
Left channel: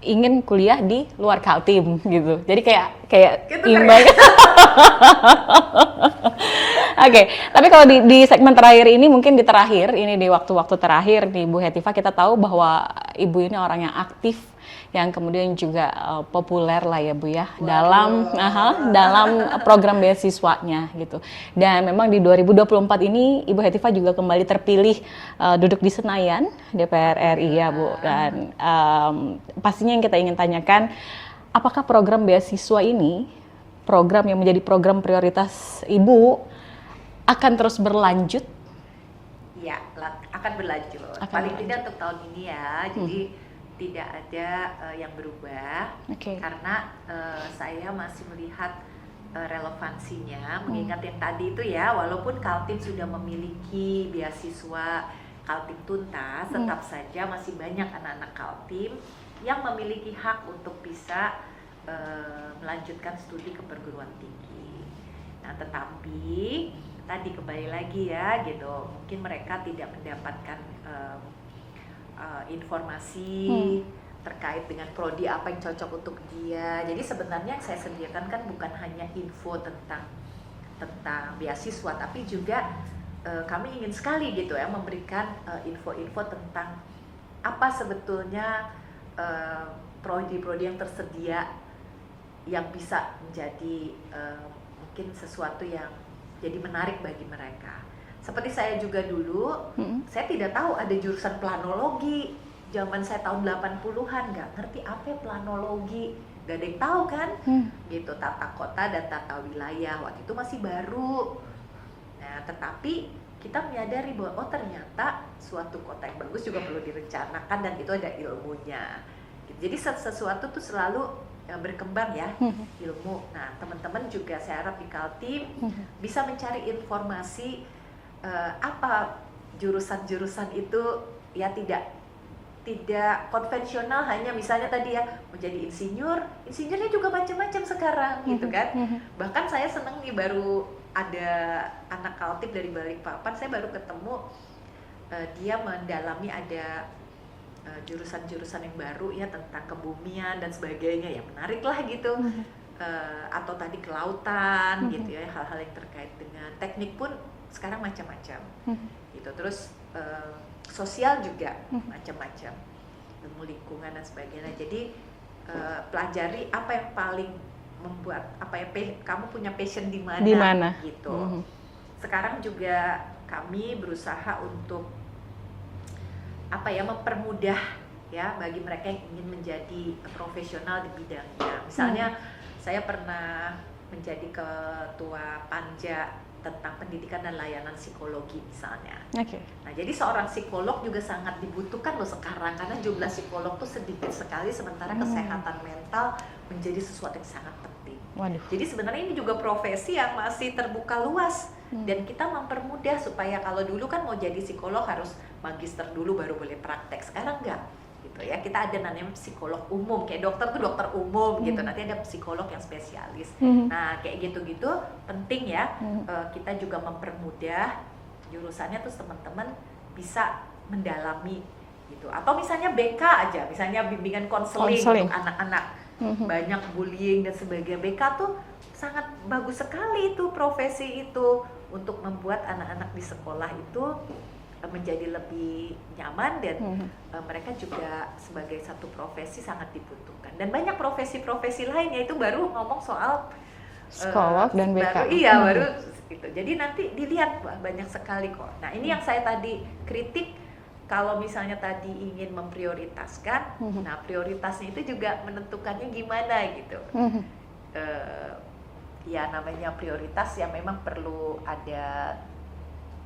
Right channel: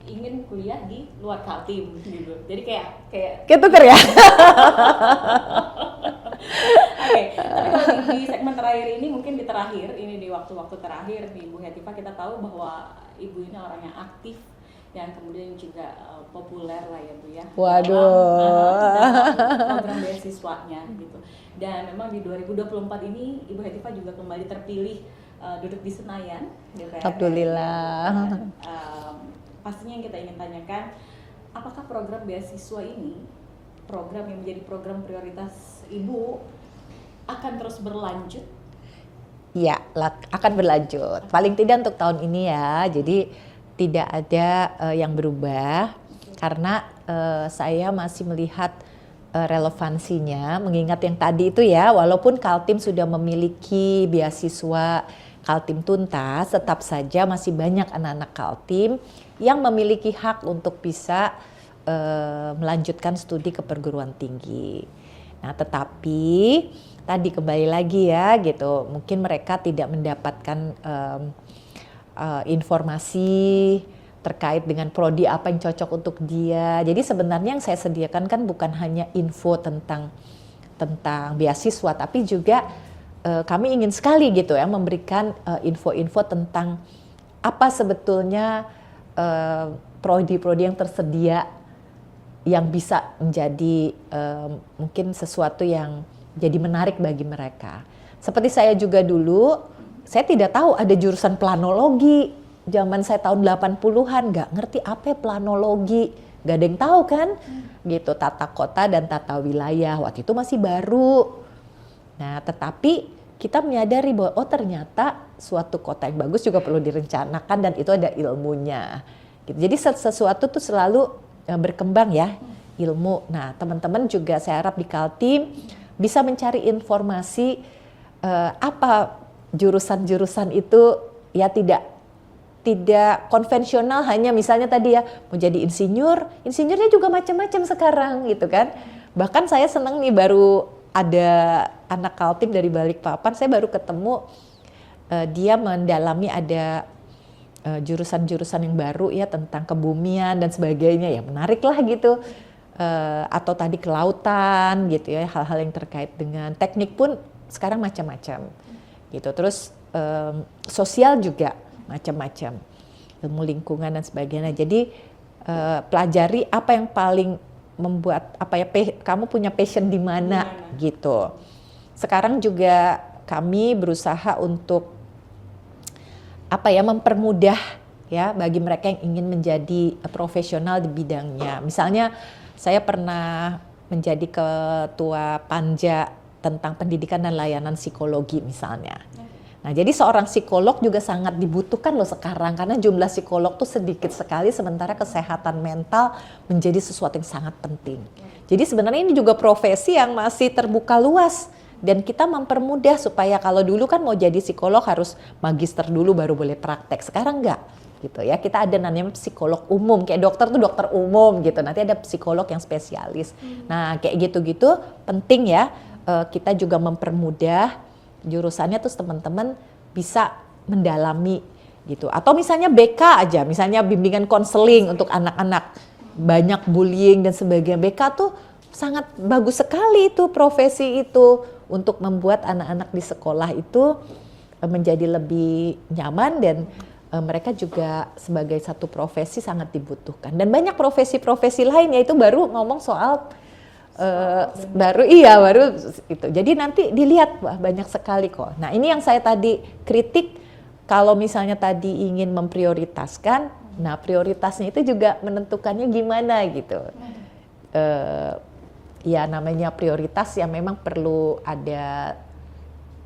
ingin kuliah di luar Kaltim gitu. Jadi kayak gitu ya. Oke, tapi kalau di segmen terakhir ini, mungkin di waktu-waktu terakhir nih Bu Hetifah, kita tahu bahwa Ibu ini orang yang aktif, yang kemudian juga populer lah ya Bu ya. Dalam program beasiswanya gitu. Dan memang di 2024 ini Ibu Hetifah juga kembali terpilih duduk di Senayan DPR RI ya Bu. Dan pastinya yang kita ingin tanyakan, apakah program beasiswa ini, program yang menjadi program prioritas Ibu, akan terus berlanjut? Ya, akan berlanjut. Paling tidak untuk tahun ini ya. Jadi tidak ada yang berubah, karena saya masih melihat relevansinya, mengingat yang tadi itu ya, walaupun Kaltim sudah memiliki beasiswa Kaltim Tuntas, tetap saja masih banyak anak-anak Kaltim yang memiliki hak untuk bisa melanjutkan studi ke perguruan tinggi. Nah, tetapi tadi kembali lagi ya gitu, mungkin mereka tidak mendapatkan informasi terkait dengan prodi apa yang cocok untuk dia. Jadi sebenarnya yang saya sediakan kan bukan hanya info tentang beasiswa, tapi juga kami ingin sekali gitu ya memberikan info-info tentang apa sebetulnya prodi-prodi yang tersedia yang bisa menjadi mungkin sesuatu yang jadi menarik bagi mereka. Seperti saya juga dulu, saya tidak tahu ada jurusan planologi. Zaman saya tahun 80-an, nggak ngerti apa planologi. Nggak ada yang tahu kan? Gitu, tata kota dan tata wilayah. Waktu itu masih baru. Nah, tetapi kita menyadari bahwa ternyata suatu kota yang bagus juga perlu direncanakan dan itu ada ilmunya. Gitu. Jadi sesuatu tuh selalu berkembang ya, ilmu. Nah, teman-teman juga saya harap di Kaltim bisa mencari informasi apa jurusan-jurusan itu ya, tidak konvensional hanya misalnya tadi ya mau jadi insinyurnya juga macam-macam sekarang gitu kan. Bahkan saya senang nih, baru ada anak Kaltim dari Balikpapan, saya baru ketemu dia mendalami ada jurusan-jurusan yang baru ya tentang kebumian dan sebagainya, ya menarik lah gitu. Atau tadi kelautan gitu ya, hal-hal yang terkait dengan teknik pun sekarang macam-macam gitu. Terus sosial juga macam-macam, ilmu lingkungan dan sebagainya. Jadi pelajari apa yang paling membuat kamu punya passion di mana gitu. Sekarang juga kami berusaha untuk mempermudah ya bagi mereka yang ingin menjadi profesional di bidangnya. Misalnya saya pernah menjadi ketua panja tentang pendidikan dan layanan psikologi misalnya. Oke. Nah, jadi seorang psikolog juga sangat dibutuhkan loh sekarang karena jumlah psikolog tuh sedikit sekali sementara kesehatan mental menjadi sesuatu yang sangat penting. Waduh. Jadi sebenarnya ini juga profesi yang masih terbuka luas dan kita mempermudah supaya kalau dulu kan mau jadi psikolog harus magister dulu baru boleh praktek. Sekarang enggak. Gitu ya, kita ada namanya psikolog umum, kayak dokter tuh dokter umum gitu, nanti ada psikolog yang spesialis. Nah kayak gitu-gitu penting ya, kita juga mempermudah jurusannya terus teman-teman bisa mendalami gitu. Atau misalnya BK aja, misalnya bimbingan konseling untuk anak-anak, banyak bullying dan sebagainya. BK tuh sangat bagus sekali itu profesi itu untuk membuat anak-anak di sekolah itu menjadi lebih nyaman dan mereka juga sebagai satu profesi sangat dibutuhkan. Dan banyak profesi-profesi lain yaitu baru ngomong soal Psikolog dan baru BK. baru itu. Jadi nanti dilihat wah, banyak sekali kok. Nah, ini yang saya tadi kritik kalau misalnya tadi ingin memprioritaskan, nah prioritasnya itu juga menentukannya gimana gitu. Ya namanya prioritas ya memang perlu ada,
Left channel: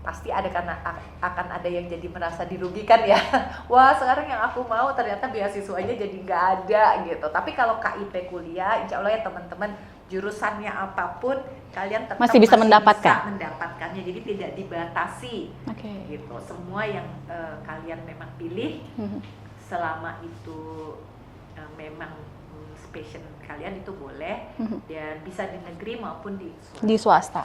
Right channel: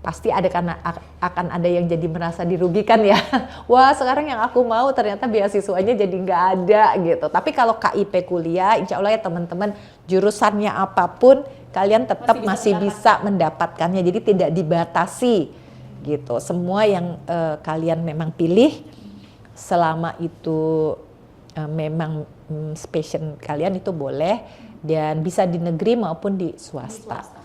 pasti ada karena akan ada yang jadi merasa dirugikan ya. Wah sekarang yang aku mau ternyata beasiswanya jadi nggak ada gitu. Tapi kalau KIP kuliah, insya Allah ya teman-teman jurusannya apapun kalian tetap Masih bisa mendapatkannya. Jadi tidak dibatasi gitu. Semua yang kalian memang pilih selama itu memang passion kalian itu boleh dan bisa di negeri maupun di swasta. Di swasta.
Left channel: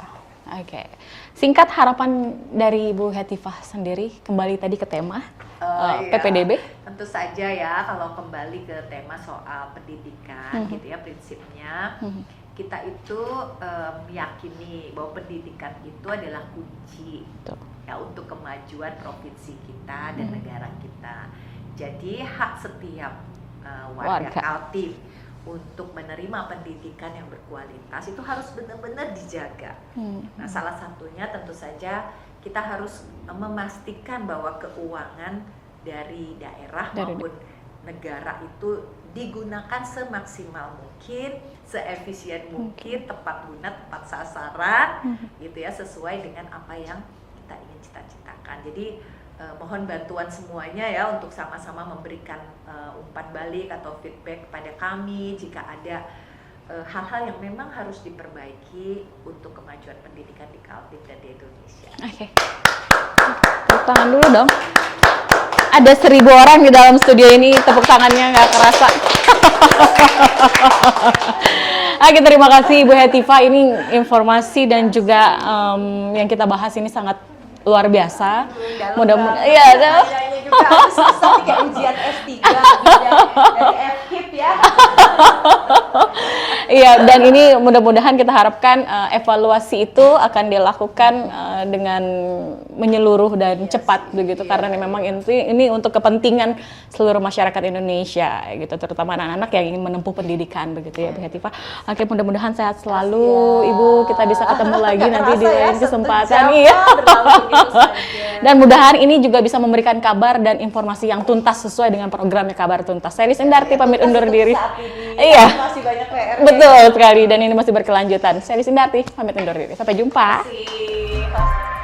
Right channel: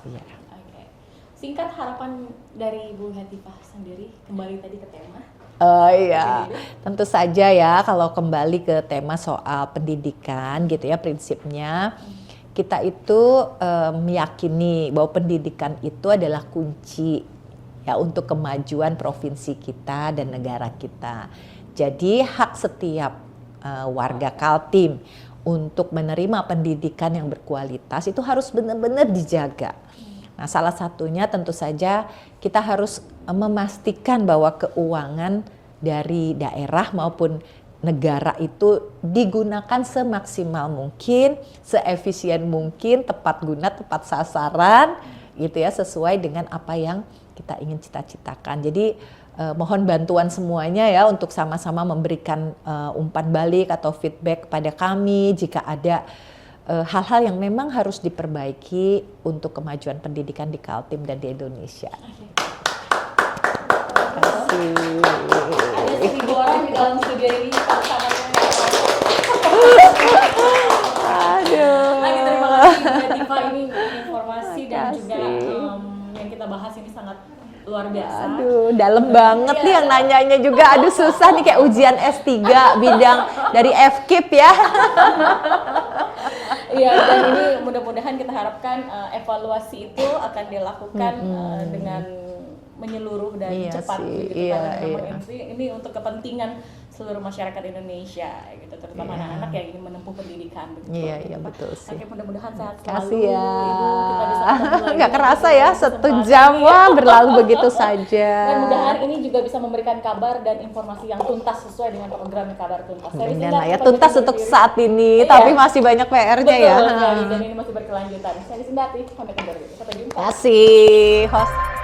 Oke. Singkat harapan dari Bu Hetifah sendiri kembali tadi ke tema PPDB. Tentu saja ya kalau kembali ke tema soal pendidikan gitu ya prinsipnya kita itu meyakini bahwa pendidikan itu adalah kunci ya untuk kemajuan provinsi kita dan negara kita. Jadi hak setiap warga Kaltim untuk menerima pendidikan yang berkualitas itu harus benar-benar dijaga. Nah, salah satunya tentu saja kita harus memastikan bahwa keuangan dari daerah maupun negara itu digunakan semaksimal mungkin, seefisien mungkin, tepat guna, tepat sasaran, gitu ya, sesuai dengan apa yang kita ingin cita-citakan. Jadi mohon bantuan semuanya ya untuk sama-sama memberikan umpan balik atau feedback kepada kami jika ada hal-hal yang memang harus diperbaiki untuk kemajuan pendidikan di Kaltim dan di Indonesia. Oke. Tepuk tangan dulu dong. Ada 1000 orang di dalam studio ini, tepuk tangannya nggak kerasa. Oke, terima kasih Bu Hetifah. Ini informasi dan juga yang kita bahas ini sangat luar biasa. Aduh, dalam banget ya, nanyanya juga aduh susah nih kayak ujian S3 bidang dari FKIP ya. Iya, dan ini mudah-mudahan kita harapkan evaluasi itu akan dilakukan dengan menyeluruh dan cepat begitu karena memang ini untuk kepentingan seluruh masyarakat Indonesia gitu, terutama anak-anak yang ingin menempuh pendidikan begitu ya, Hetifah. Oke, mudah-mudahan sehat selalu Ibu, kita bisa ketemu lagi nanti di lain kesempatan. Iya, berlalu begitu saja. Dan mudahan ini juga bisa memberikan kabar dan informasi yang tuntas sesesuai dengan programnya Kabar Tuntas. Saya Indarti pamit undur diri. Saat ini, tapi masih banyak PR-nya. Betul sekali, dan ini masih berkelanjutan. Saya Indarti pamit undur diri. Sampai jumpa. Terima kasih, host.